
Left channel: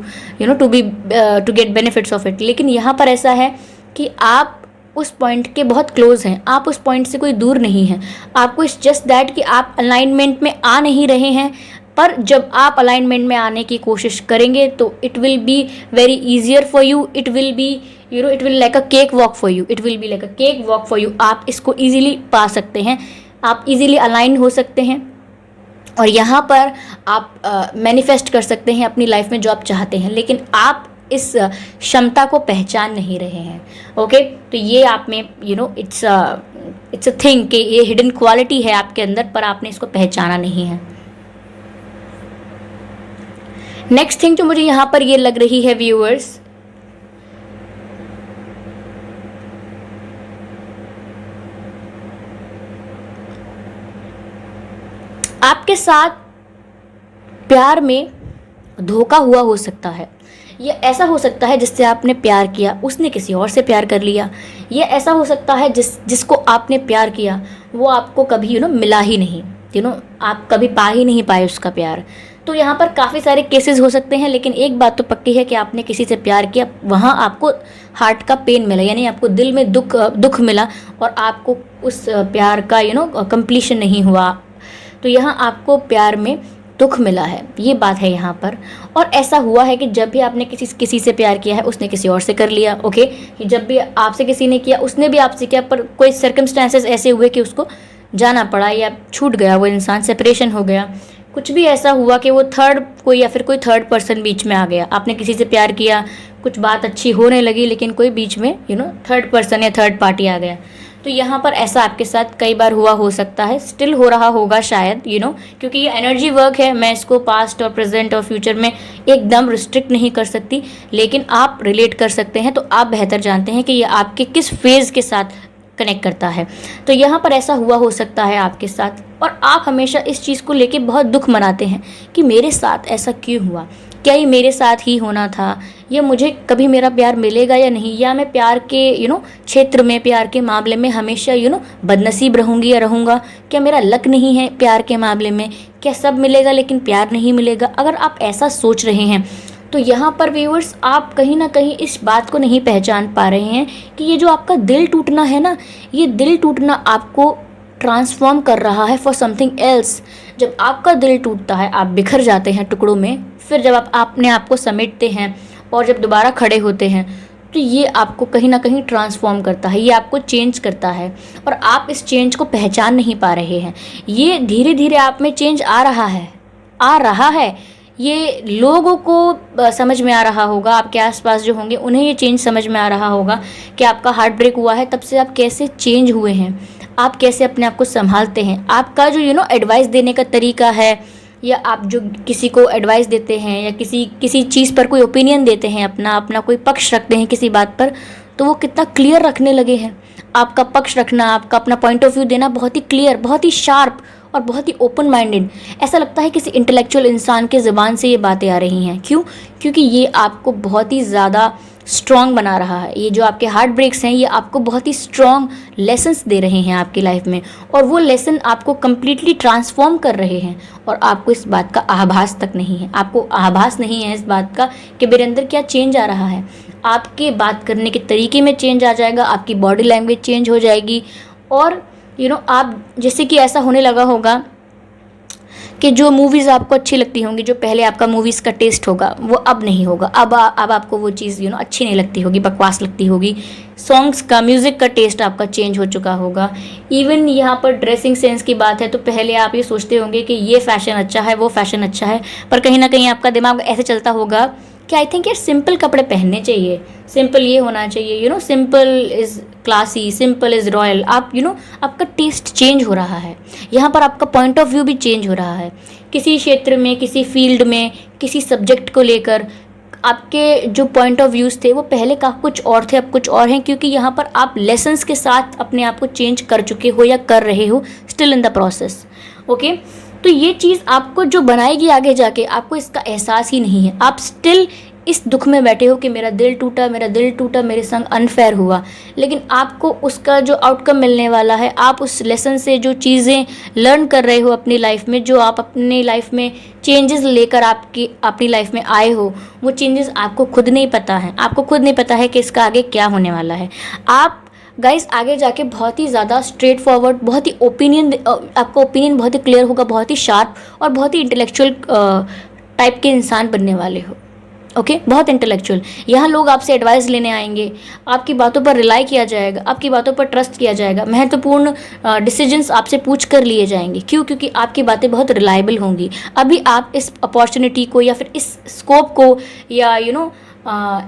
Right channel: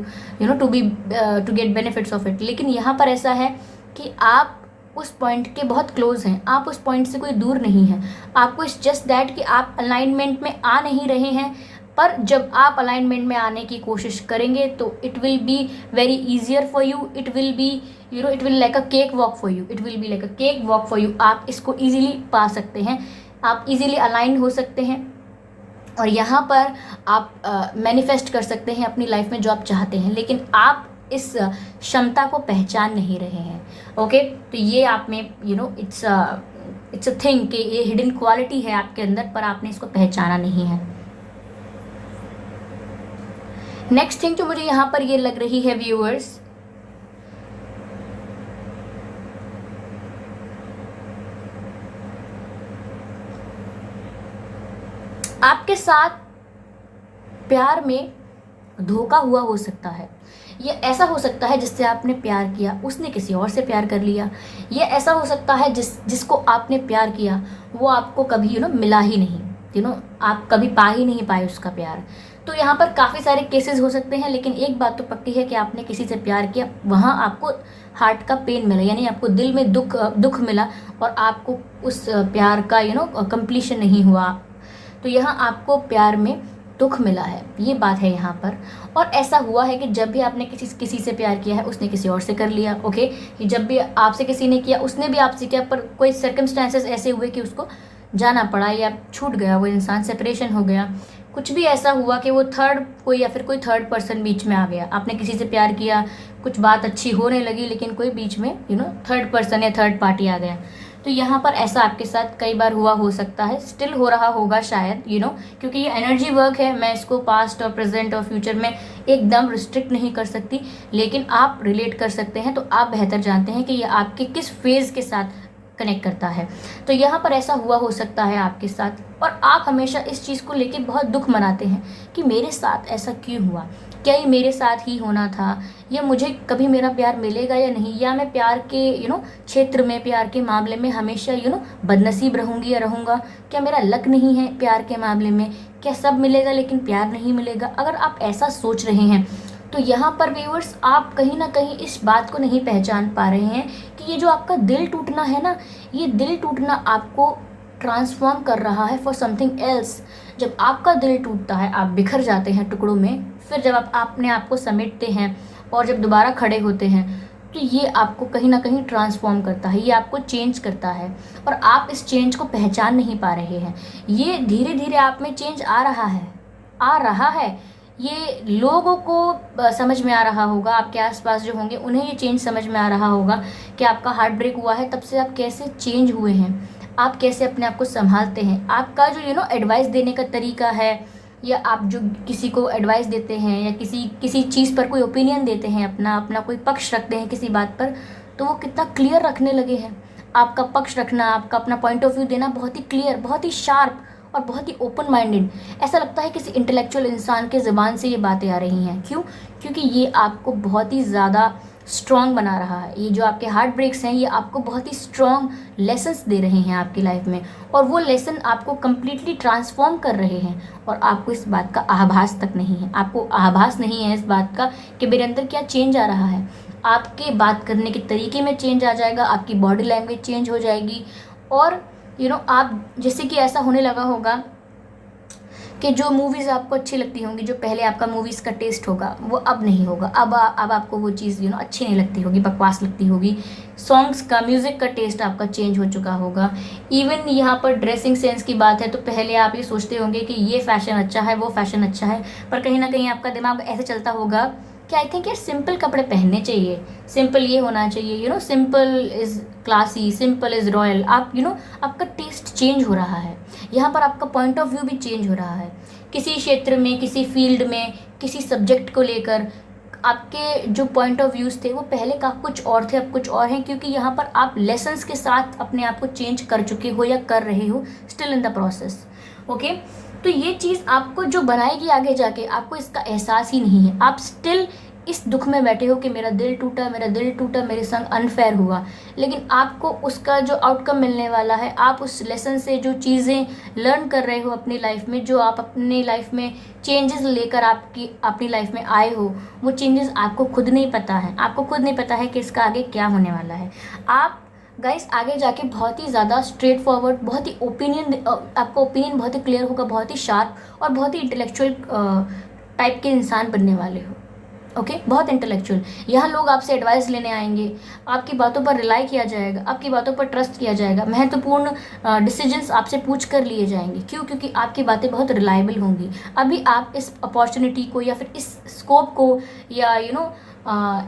to get benefits of it। लेकिन यहाँ पर ऐसा है कि आप उस पॉइंट के बहुत क्लोज हैं, आप उस पॉइंट से कोई दूर नहीं हैं। आपको इट्स जस्ट दैट कि आप अलाइनमेंट में आ नहीं रहे हैं, पर जब आप अलाइनमेंट में आने की कोशिश करेंगे तो it will be very easier for you. It will be it will like a cake walk for you. It will be like a cake walk for you. आप इसको ईजिली पा सकते हैं, आप ईजिली अलाइन हो सकते हैं, और यहाँ पर आप मैनिफेस्ट कर सकते हैं अपनी लाइफ में जो आप चाहते हैं। लेकिन आप इस क्षमता को पहचान नहीं रहे हैं। ओके, तो ये आप में इट्स अ थिंग कि ये हिडन क्वालिटी है आपके अंदर, पर आपने इसको पहचाना नहीं है। नेक्स्ट थिंग जो मुझे यहाँ पर ये लग रही है व्यूअर्स, आपके साथ प्यार में धोखा हुआ हो सकता है। ये ऐसा हो सकता है जिससे आपने प्यार किया, उसने किसी और से प्यार कर लिया। ये ऐसा हो सकता है जिसको आपने प्यार किया वो आपको कभी मिला ही नहीं, आप कभी पा ही नहीं पाए उसका प्यार। तो यहाँ पर काफ़ी सारे केसेस हो सकते हैं, लेकिन एक बात तो पक्की है कि आपने किसी से प्यार किया, वहाँ आपको हार्ट का पेन मिला, यानी आपको दिल में दुख मिला, और आपको उस प्यार का कंप्लीशन नहीं हुआ। तो यहाँ आपको प्यार में दुख मिला है, ये बात है यहाँ पर। और ऐसा हुआ है कि जब भी आपने किसी से प्यार किया है, उसने किसी और से कर लिया। ओके, जब भी आपसे किसी ने किया, उसने भी आपसे किया, पर कोई सर्कमस्टांसेस ऐसे हुए कि उसको जाना पड़ा, या छूट गया वो इंसान, सेपरेशन हो गया, कुछ भी ऐसा हुआ कि वो कोई थर्ड पर्सन बीच में आ गया। आपने किसी से प्यार किया, कुछ बात अच्छी होने लगी, लेकिन कोई बीच में थर्ड पर्सन या थर्ड पार्टी आ गया। तो यहाँ पर ऐसा आपके साथ कई बार हुआ हो सकता है, स्टिल हो रहा होगा शायद, क्योंकि ये एनर्जी वर्क है। मैं इसको पास्ट और प्रेजेंट और फ्यूचर में एकदम रिस्ट्रिक्ट नहीं कर सकती, लेकिन आप रिलेट कर सकते हैं, तो आप बेहतर जानते हैं कि ये आपके किस फेज़ के साथ कनेक्ट करता है। तो यहाँ पर ऐसा हुआ हो सकता है आपके साथ, और आप हमेशा इस चीज़ को लेके बहुत दुख मनाते हैं कि मेरे साथ ऐसा क्यों हुआ, क्या ये मेरे साथ ही होना था, या मुझे कभी मेरा प्यार मिलेगा या नहीं, या मैं प्यार के क्षेत्र में, प्यार के मामले में हमेशा बदनसीब रहूँगी या रहूँगा, क्या मेरा लक नहीं है प्यार के मामले में, क्या सब मिलेगा लेकिन प्यार नहीं मिलेगा। अगर आप ऐसा सोच रहे हैं तो यहाँ पर व्यूअर्स आप कहीं ना कहीं इस बात को नहीं पहचान पा रहे हैं कि ये जो आपका दिल टूटना है ना, ये दिल टूटना आपको ट्रांसफॉर्म कर रहा है फॉर समथिंग एल्स। जब आपका दिल टूटता है, आप बिखर जाते हैं टुकड़ों में, फिर जब आप अपने आप को समेटते हैं और जब दोबारा खड़े होते हैं, तो ये आपको कहीं ना कहीं ट्रांसफॉर्म करता है, ये आपको चेंज करता है, और आप इस चेंज को पहचान नहीं पा रहे हैं। ये धीरे धीरे आप में चेंज आ रहा है। ये लोगों को समझ में आ रहा होगा, आपके आसपास जो होंगे उन्हें ये चेंज समझ में आ रहा होगा कि आपका हार्ट ब्रेक हुआ है, तब से आप कैसे चेंज हुए हैं, आप कैसे अपने आप को संभालते हैं, आपका जो एडवाइस देने का तरीका है, या आप जो किसी को एडवाइस देते हैं, या किसी चीज़ पर कोई ओपिनियन देते हैं, अपना कोई पक्ष रखते हैं किसी बात पर, तो वो कितना क्लियर रखने लगे हैं। आपका पक्ष रखना, आपका अपना पॉइंट ऑफ व्यू देना बहुत ही क्लियर, बहुत ही शार्प और बहुत ही ओपन माइंडेड। ऐसा लगता है किसी इंटेलेक्चुअल इंसान के ज़बान से ये बातें आ रही हैं। क्यों? क्योंकि ये आपको बहुत ही ज़्यादा स्ट्रॉन्ग बना रहा है। ये जो आपके हार्ट ब्रेक्स हैं ये आपको बहुत ही स्ट्रॉन्ग लेसन्स दे रहे हैं आपकी लाइफ में, और वो लेसन आपको कम्प्लीटली ट्रांसफॉर्म कर रहे हैं, और आपको इस बात का आभास तक नहीं है, आपको आभास नहीं है इस बात का कि मेरे अंदर क्या चेंज आ रहा है। आपके बात करने के तरीके में चेंज आ जाएगा, आपकी बॉडी लैंग्वेज चेंज हो जाएगी, और आप जैसे कि ऐसा होने लगा होगा कि जो मूवीज़ आपको अच्छी लगती होंगी, जो पहले आपका मूवीज़ का टेस्ट होगा वो अब नहीं होगा, अब आपको वो चीज़ अच्छी नहीं लगती होगी, बकवास लगती होगी। सॉन्ग्स का, म्यूज़िक का टेस्ट आपका चेंज हो चुका होगा। इवन यहाँ पर ड्रेसिंग सेंस की बात है तो पहले आप ये सोचते होंगे कि ये फ़ैशन अच्छा है, वो फ़ैशन अच्छा है, पर कहीं ना कहीं आपका दिमाग ऐसे चलता होगा कि आई थिंक यार सिंपल कपड़े पहनने चाहिए, सिंपल ये होना चाहिए, simple is classy, simple is royal. आप आपका टेस्ट चेंज हो रहा है, यहाँ पर आपका पॉइंट ऑफ व्यू भी चेंज हो रहा है। किसी क्षेत्र में, किसी फील्ड में, किसी सब्जेक्ट को लेकर आपके जो पॉइंट ऑफ व्यूज़ थे वो पहले का कुछ और थे, अब कुछ और हैं, क्योंकि यहाँ पर आप लेसन्स के साथ अपने आप को चेंज कर चुके हो या कर रहे हो, still in the process. Okay, तो ये चीज़ आपको जो बनाएगी आगे जाके, आपको इसका एहसास ही नहीं है। आप स्टिल इस दुख में बैठे हो कि मेरा दिल टूटा, मेरा दिल टूटा, मेरे संग अनफेयर हुआ, लेकिन आपको उसका जो आउटकम मिलने वाला है, आप उस लेसन से जो चीज़ें लर्न कर रहे हो अपनी लाइफ में, जो आप अपनी लाइफ में चेंजेस लेकर अपनी लाइफ में आए हो, वो चेंजेस आपको खुद नहीं पता है। आपको खुद नहीं पता है कि इसका आगे क्या होने वाला है। आप गाइस आगे जाके बहुत ही ज़्यादा स्ट्रेट फॉरवर्ड, बहुत ही आपका ओपिनियन बहुत ही क्लियर होगा, बहुत ही शार्प और बहुत ही इंटेलेक्चुअल टाइप के इंसान बनने वाले हो। ओके, बहुत इंटेलेक्चुअल। यहाँ लोग आपसे एडवाइस लेने आएंगे, आपकी बातों पर रिलाई किया जाएगा, आपकी बातों पर ट्रस्ट किया जाएगा, महत्वपूर्ण डिसीजंस आपसे पूछ कर लिए जाएंगे। क्यों? क्योंकि आपकी बातें बहुत रिलायबल होंगी। अभी आप इस अपॉर्चुनिटी को या फिर इस स्कोप को या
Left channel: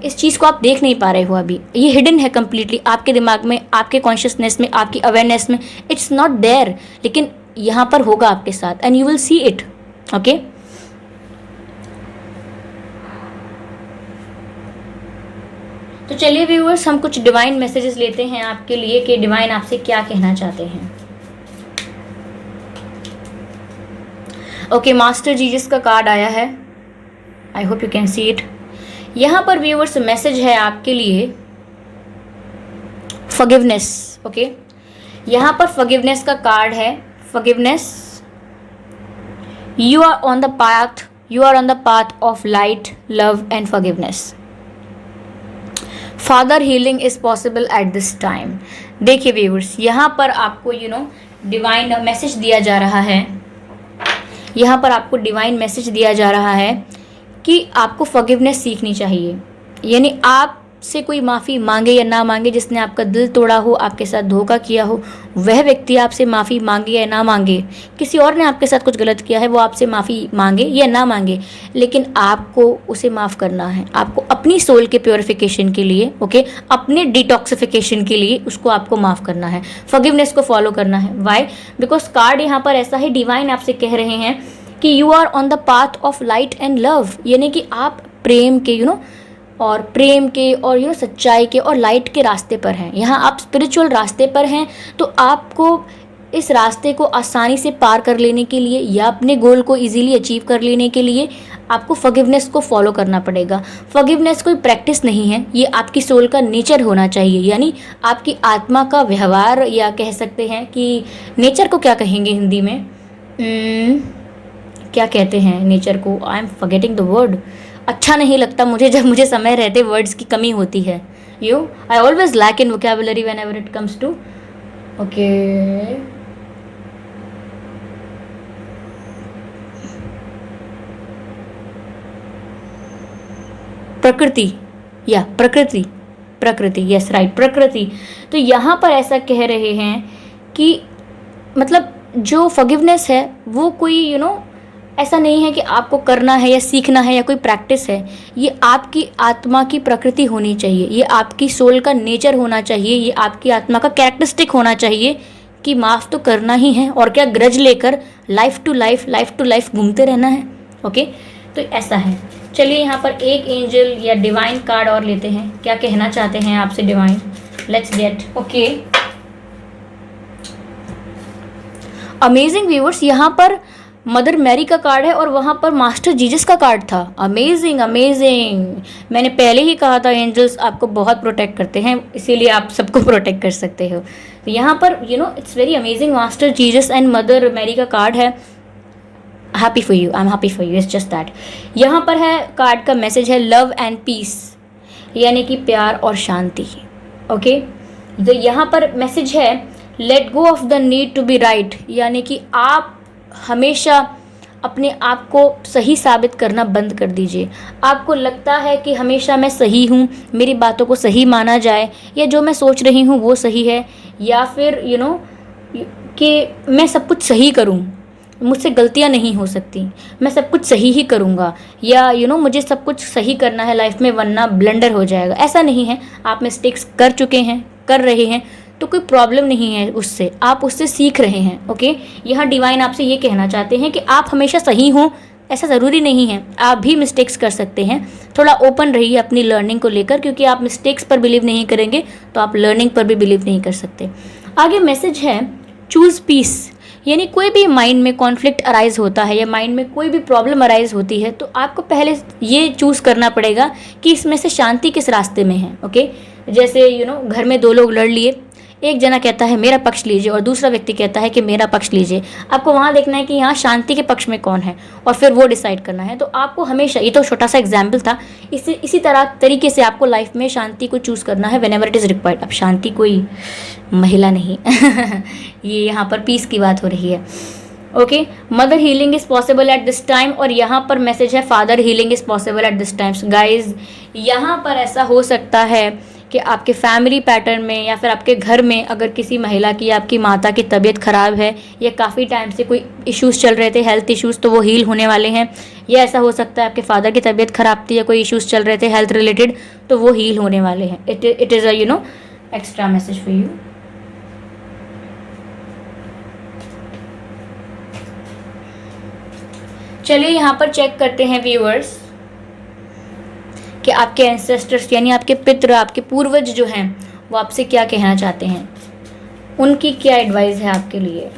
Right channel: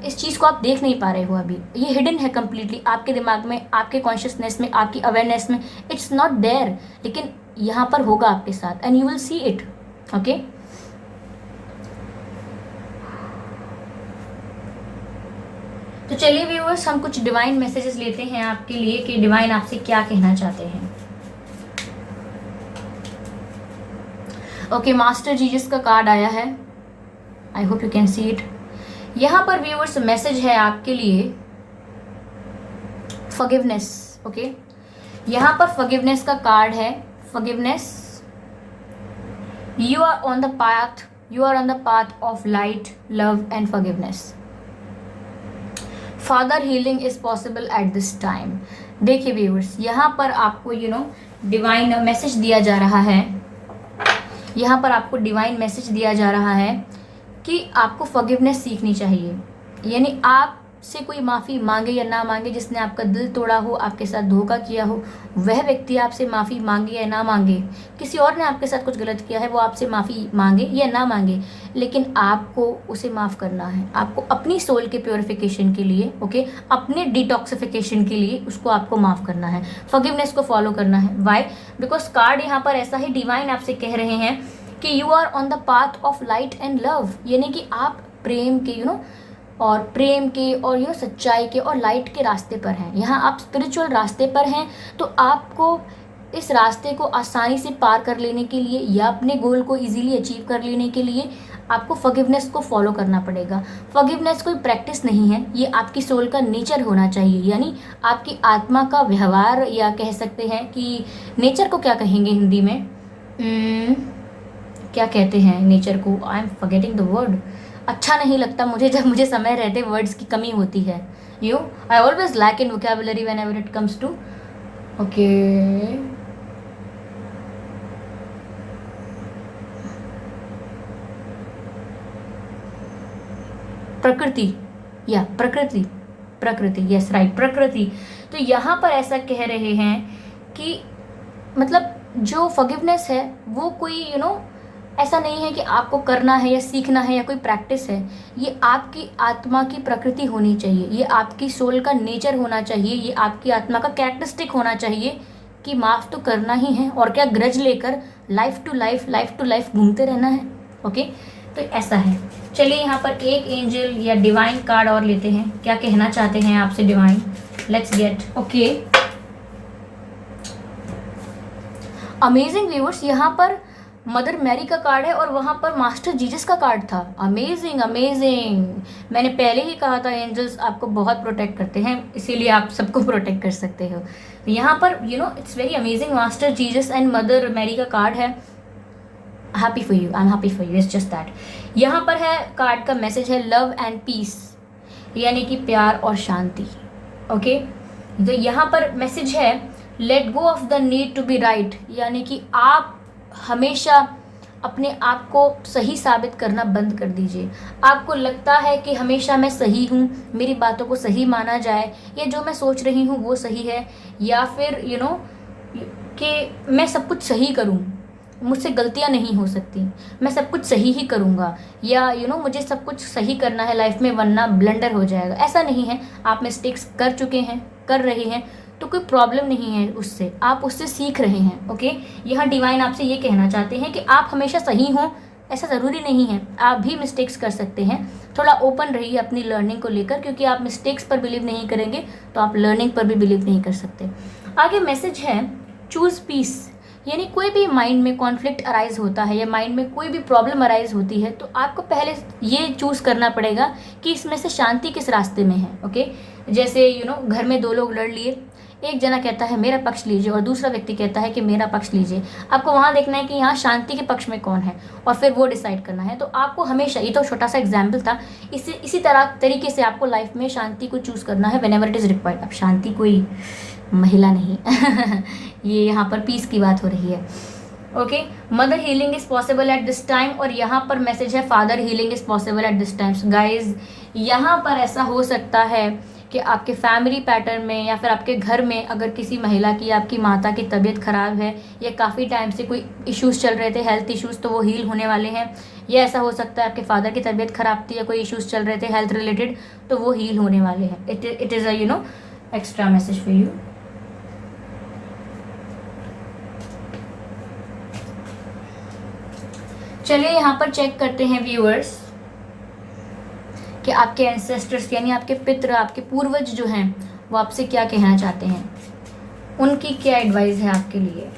इस चीज़ को आप देख नहीं पा रहे हो। अभी ये हिडन है कम्प्लीटली आपके दिमाग में, आपके कॉन्शियसनेस में, आपकी अवेयरनेस में, इट्स नॉट देयर, लेकिन यहाँ पर होगा आपके साथ, and you will see it. Okay, तो चलिए व्यूअर्स, हम कुछ डिवाइन मैसेजेस लेते हैं आपके लिए कि डिवाइन आपसे क्या कहना चाहते हैं। ओके, मास्टर जीसस का कार्ड आया है, आई hope you can see it. यहाँ पर व्यूअर्स मैसेज है आपके लिए फॉरगिवनेस। ओके, यहाँ पर फॉरगिवनेस का कार्ड है। Forgiveness, you are on the path of light, love and forgiveness. Father healing is possible at this time. देखिए व्यूअर्स, यहाँ पर आपको डिवाइन मैसेज दिया जा रहा है, यहाँ पर आपको डिवाइन मैसेज दिया जा रहा है कि आपको फॉरगिवनेस सीखनी चाहिए। यानी आपसे कोई माफ़ी मांगे या ना मांगे, जिसने आपका दिल तोड़ा हो, आपके साथ धोखा किया हो, वह व्यक्ति आपसे माफ़ी मांगे या ना मांगे, किसी और ने आपके साथ कुछ गलत किया है, वो आपसे माफ़ी मांगे या ना मांगे, लेकिन आपको उसे माफ़ करना है। आपको अपनी सोल के प्योरिफिकेशन के लिए, ओके, अपने डिटॉक्सिफिकेशन के लिए उसको आपको माफ़ करना है, फॉरगिवनेस को फॉलो करना है। वाई? बिकॉज कार्ड यहाँ पर ऐसा ही डिवाइन आपसे कह रहे हैं कि you are on the path of light and love, यानी कि आप प्रेम के और सच्चाई के और लाइट के रास्ते पर हैं। यहाँ आप स्पिरिचुअल रास्ते पर हैं, तो आपको इस रास्ते को आसानी से पार कर लेने के लिए या अपने गोल को इजीली अचीव कर लेने के लिए आपको फॉरगिवनेस को फॉलो करना पड़ेगा। फॉरगिवनेस कोई प्रैक्टिस नहीं है, ये आपकी सोल का नेचर होना चाहिए, यानी आपकी आत्मा का व्यवहार, या कह सकते हैं कि नेचर को क्या कहेंगे हिंदी में, क्या कहते हैं नेचर को, I am forgetting the word. अच्छा नहीं लगता मुझे जब मुझे समय रहते वर्ड्स की कमी होती है। I always lack in vocabulary whenever it comes to. Okay, प्रकृति, या प्रकृति, यस राइट, प्रकृति। तो यहाँ पर ऐसा कह रहे हैं कि मतलब जो फॉरगिवनेस है वो कोई ऐसा नहीं है कि आपको करना है या सीखना है या कोई प्रैक्टिस है, ये आपकी आत्मा की प्रकृति होनी चाहिए, ये आपकी सोल का नेचर होना चाहिए, ये आपकी आत्मा का कैरेक्टरिस्टिक होना चाहिए कि माफ़ तो करना ही है, और क्या ग्रज लेकर लाइफ टू लाइफ घूमते रहना है। ओके, तो ऐसा है। चलिए यहाँ पर एक एंजल या डिवाइन कार्ड और लेते हैं, क्या कहना चाहते हैं आपसे divine. Let's get. Okay, amazing viewers, यहाँ पर मदर मैरी का कार्ड है और वहाँ पर मास्टर जीसस का कार्ड था। Amazing amazing. मैंने पहले ही कहा था एंजल्स आपको बहुत प्रोटेक्ट करते हैं, इसीलिए आप सबको प्रोटेक्ट कर सकते हो। तो यहाँ पर it's very amazing, master Jesus and mother Mary का कार्ड है। Happy for you, I am happy for you, it's just that. यहाँ पर है कार्ड का मैसेज है लव एंड पीस, यानी कि प्यार और शांति। ओके, तो यहाँ पर मैसेज है let go of the need to be right, यानी कि आप हमेशा अपने आप को सही साबित करना बंद कर दीजिए। आपको लगता है कि हमेशा मैं सही हूँ, मेरी बातों को सही माना जाए, या जो मैं सोच रही हूँ वो सही है, या फिर कि मैं सब कुछ सही करूँ, मुझसे गलतियाँ नहीं हो सकती, मैं सब कुछ सही ही करूँगा, या मुझे सब कुछ सही करना है लाइफ में वरना ब्लंडर हो जाएगा। ऐसा नहीं है, आप मिस्टेक्स कर चुके हैं, कर रहे हैं, तो कोई प्रॉब्लम नहीं है उससे, आप उससे सीख रहे हैं। ओके, यहाँ डिवाइन आपसे ये कहना चाहते हैं कि आप हमेशा सही हों ऐसा ज़रूरी नहीं है, आप भी मिस्टेक्स कर सकते हैं। थोड़ा ओपन रहिए अपनी लर्निंग को लेकर, क्योंकि आप मिस्टेक्स पर बिलीव नहीं करेंगे तो आप लर्निंग पर भी बिलीव नहीं कर सकते। आगे मैसेज है चूज़ पीस, यानी कोई भी माइंड में कॉन्फ्लिक्ट अराइज होता है या माइंड में कोई भी प्रॉब्लम अराइज होती है, तो आपको पहले ये चूज़ करना पड़ेगा कि इसमें से शांति किस रास्ते में है। ओके, जैसे घर में दो लोग लड़ लिए, एक जना कहता है मेरा पक्ष लीजिए और दूसरा व्यक्ति कहता है कि मेरा पक्ष लीजिए। आपको वहाँ देखना है कि यहाँ शांति के पक्ष में कौन है और फिर वो डिसाइड करना है। तो आपको हमेशा, ये तो छोटा सा एग्जाम्पल था, इसी तरीके से आपको लाइफ में शांति को चूज़ करना है व्हेनेवर इट इज़ रिक्वायर्ड। अब शांति कोई महिला नहीं ये यहाँ पर पीस की बात हो रही है। Okay, mother healing is possible at this time, और यहाँ पर मैसेज है father healing is possible at this times. Guys, यहाँ पर ऐसा हो सकता है कि आपके फैमिली पैटर्न में या फिर आपके घर में अगर किसी महिला की, आपकी माता की तबीयत ख़राब है या काफ़ी टाइम से कोई इश्यूज़ चल रहे थे, हेल्थ इश्यूज़, तो वो हील होने वाले हैं। या ऐसा हो सकता है आपके फादर की तबीयत ख़राब थी या कोई इश्यूज़ चल रहे थे हेल्थ रिलेटेड, तो वो हील होने वाले हैं। It is a extra message for you. चलिए यहाँ पर चेक करते हैं व्यूअर्स कि आपके एंसेस्टर्स यानी आपके पितृ, आपके पूर्वज जो हैं वो आपसे क्या कहना चाहते हैं, उनकी क्या एडवाइस है आपके लिए।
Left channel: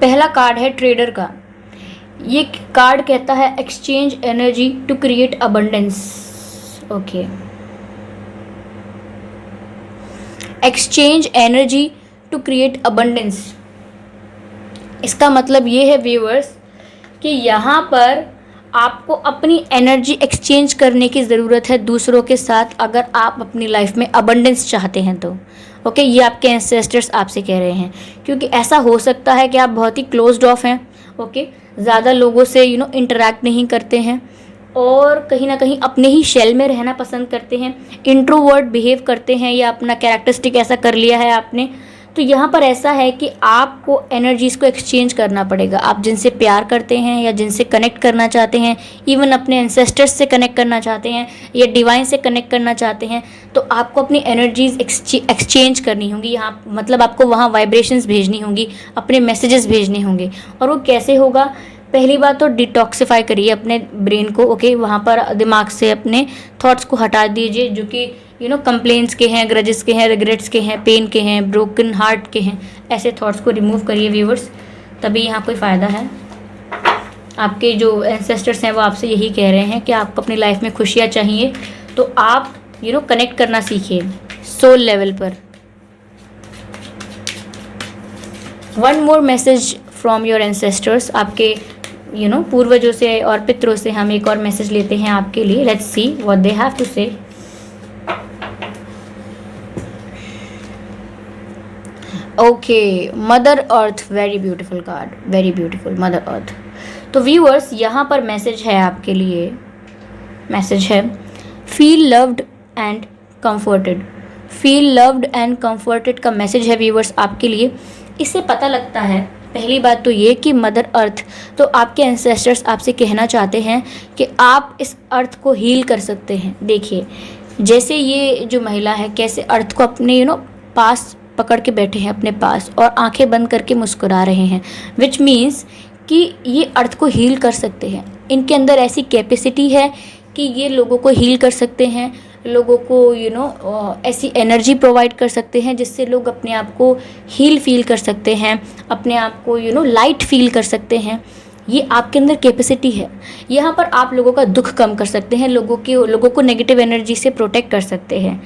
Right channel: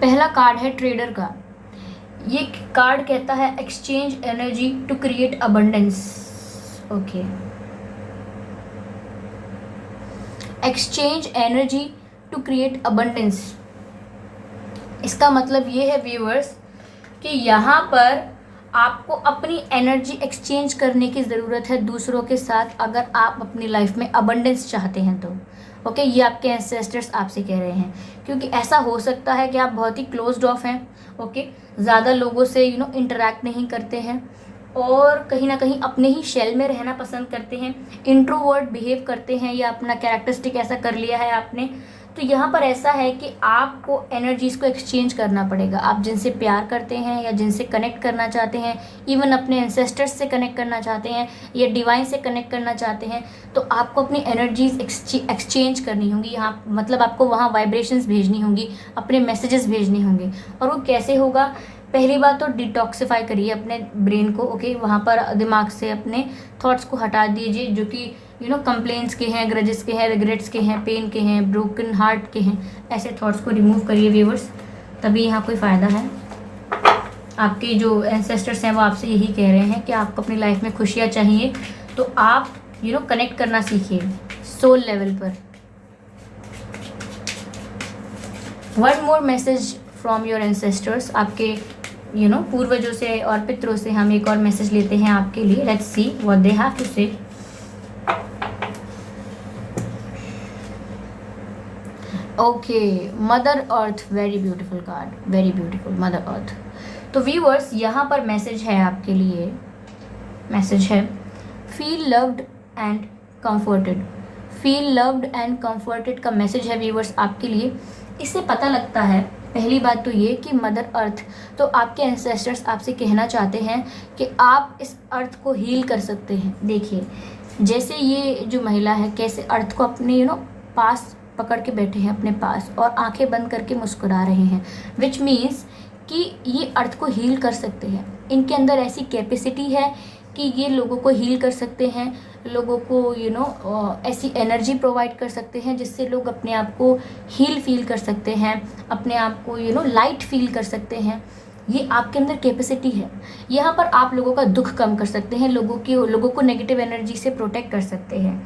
पहला कार्ड है ट्रेडर का। ये कार्ड कहता है exchange energy to create abundance. Okay, exchange energy to create abundance, इसका मतलब ये है व्यूअर्स कि यहाँ पर आपको अपनी एनर्जी एक्सचेंज करने की ज़रूरत है दूसरों के साथ, अगर आप अपनी लाइफ में अबंडेंस चाहते हैं तो। ओके, ये आपके एंसेस्टर्स आपसे कह रहे हैं, क्योंकि ऐसा हो सकता है कि आप बहुत ही क्लोज्ड ऑफ हैं। ओके, ज़्यादा लोगों से इंटरेक्ट नहीं करते हैं और कहीं ना कहीं अपने ही शेल में रहना पसंद करते हैं, इंट्रोवर्ट बिहेव करते हैं या अपना कैरेक्टरिस्टिक ऐसा कर लिया है आपने। तो यहाँ पर ऐसा है कि आपको एनर्जीज़ को एक्सचेंज करना पड़ेगा। आप जिनसे प्यार करते हैं या जिनसे कनेक्ट करना चाहते हैं, इवन अपने एंसेस्टर्स से कनेक्ट करना चाहते हैं या डिवाइन से कनेक्ट करना चाहते हैं, तो आपको अपनी एनर्जीज़ एक्सचेंज करनी होंगी। यहाँ मतलब आपको वहाँ वाइब्रेशंस भेजनी होंगी, अपने मैसेजेस भेजने होंगे। और वो कैसे होगा? पहली बात तो डिटॉक्सिफाई करिए अपने ब्रेन को। ओके, वहाँ पर दिमाग से अपने थॉट्स को हटा दीजिए जो कि कंप्लेंट्स के हैं, ग्रजेस के हैं, रिग्रेट्स के हैं, पेन के हैं, ब्रोकन हार्ट के हैं। ऐसे थॉट्स को रिमूव करिए व्यूअर्स, तभी यहाँ कोई फ़ायदा है। आपके जो एंसेस्टर्स हैं वो आपसे यही कह रहे हैं कि आपको अपनी लाइफ में खुशियाँ चाहिए, तो आप कनेक्ट करना सीखिए सोल लेवल पर। One more message from your ancestors, आपके पूर्वजों से और पितरों से हम एक और मैसेज लेते हैं आपके लिए। Let's see what they have to say. Okay, mother earth, very beautiful card, very beautiful mother earth. तो व्यूअर्स, यहाँ पर मैसेज है आपके लिए, मैसेज है feel loved and comforted. Feel loved and comforted का मैसेज है व्यूअर्स आपके लिए। इससे पता लगता है, पहली बात तो ये कि मदर अर्थ, तो आपके एंसेस्टर्स आपसे कहना चाहते हैं कि आप इस अर्थ को हील कर सकते हैं। देखिए, जैसे ये जो महिला है कैसे अर्थ को अपने पास पकड़ के बैठे हैं अपने पास और आंखें बंद करके मुस्कुरा रहे हैं, विच मीन्स कि ये अर्थ को हील कर सकते हैं। इनके अंदर ऐसी कैपेसिटी है कि ये लोगों को हील कर सकते हैं, लोगों को ऐसी एनर्जी प्रोवाइड कर सकते हैं जिससे लोग अपने आप को हील फील कर सकते हैं, अपने आप को लाइट फील कर सकते हैं। ये आपके अंदर कैपेसिटी है। यहाँ पर आप लोगों का दुख कम कर सकते हैं, लोगों को नेगेटिव एनर्जी से प्रोटेक्ट कर सकते हैं।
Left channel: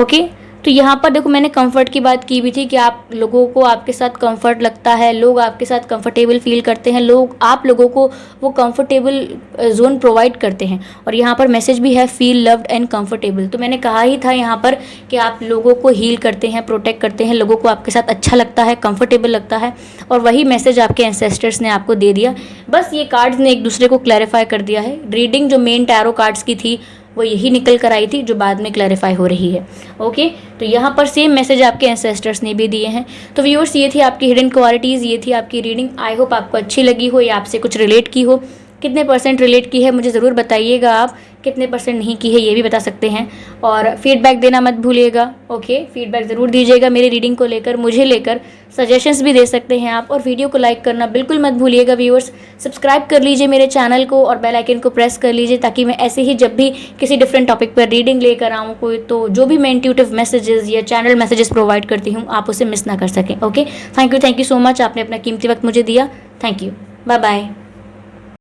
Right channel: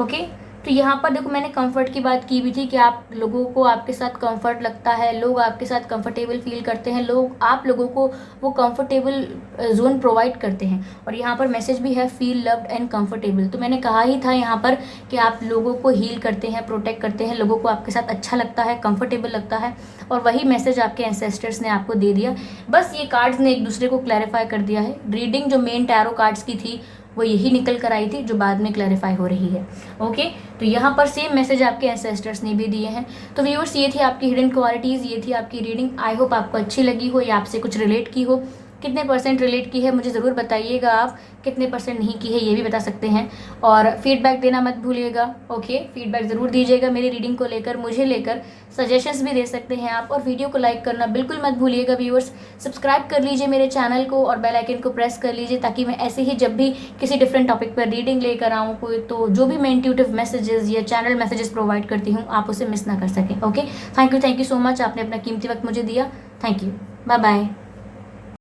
ओके, तो यहाँ पर देखो मैंने कंफर्ट की बात की भी थी कि आप लोगों को आपके साथ कंफर्ट लगता है, लोग आपके साथ कंफर्टेबल फील करते हैं, लोग आप लोगों को वो कंफर्टेबल जोन प्रोवाइड करते हैं। और यहाँ पर मैसेज भी है फील लव्ड एंड कंफर्टेबल। तो मैंने कहा ही था यहाँ पर कि आप लोगों को हील करते हैं, प्रोटेक्ट करते हैं, लोगों को आपके साथ अच्छा लगता है, कंफर्टेबल लगता है। और वही मैसेज आपके एंसेस्टर्स ने आपको दे दिया। बस ये कार्ड्स ने एक दूसरे को क्लैरिफाई कर दिया है। रीडिंग जो मेन टैरो कार्ड्स की थी वो यही निकल कर आई थी जो बाद में क्लैरिफाई हो रही है। ओके, तो यहाँ पर सेम मैसेज आपके एंसेस्टर्स ने भी दिए हैं। तो व्यूअर्स, ये थी आपकी हिडन क्वालिटीज़, ये थी आपकी रीडिंग। आई होप आपको अच्छी लगी हो या आपसे कुछ रिलेट की हो। कितने % रिलेट की है मुझे ज़रूर बताइएगा, आप कितने % नहीं की है ये भी बता सकते हैं। और फीडबैक देना मत भूलिएगा। ओके, फीडबैक ज़रूर दीजिएगा मेरी रीडिंग को लेकर, मुझे लेकर। सजेशंस भी दे सकते हैं आप। और वीडियो को लाइक करना बिल्कुल मत भूलिएगा व्यूअर्स। सब्सक्राइब कर लीजिए मेरे चैनल को और बेल आइकन को प्रेस कर लीजिए ताकि मैं ऐसे ही जब भी किसी डिफरेंट टॉपिक पर रीडिंग लेकर आऊँ कोई, तो जो भी मैं इंट्यूटिव मैसेजेस या चैनल मैसेजेस प्रोवाइड करती हूँ आप उसे मिस ना कर सकें। Okay, thank you so much, आपने अपना कीमती वक्त मुझे दिया। Thank you, bye bye.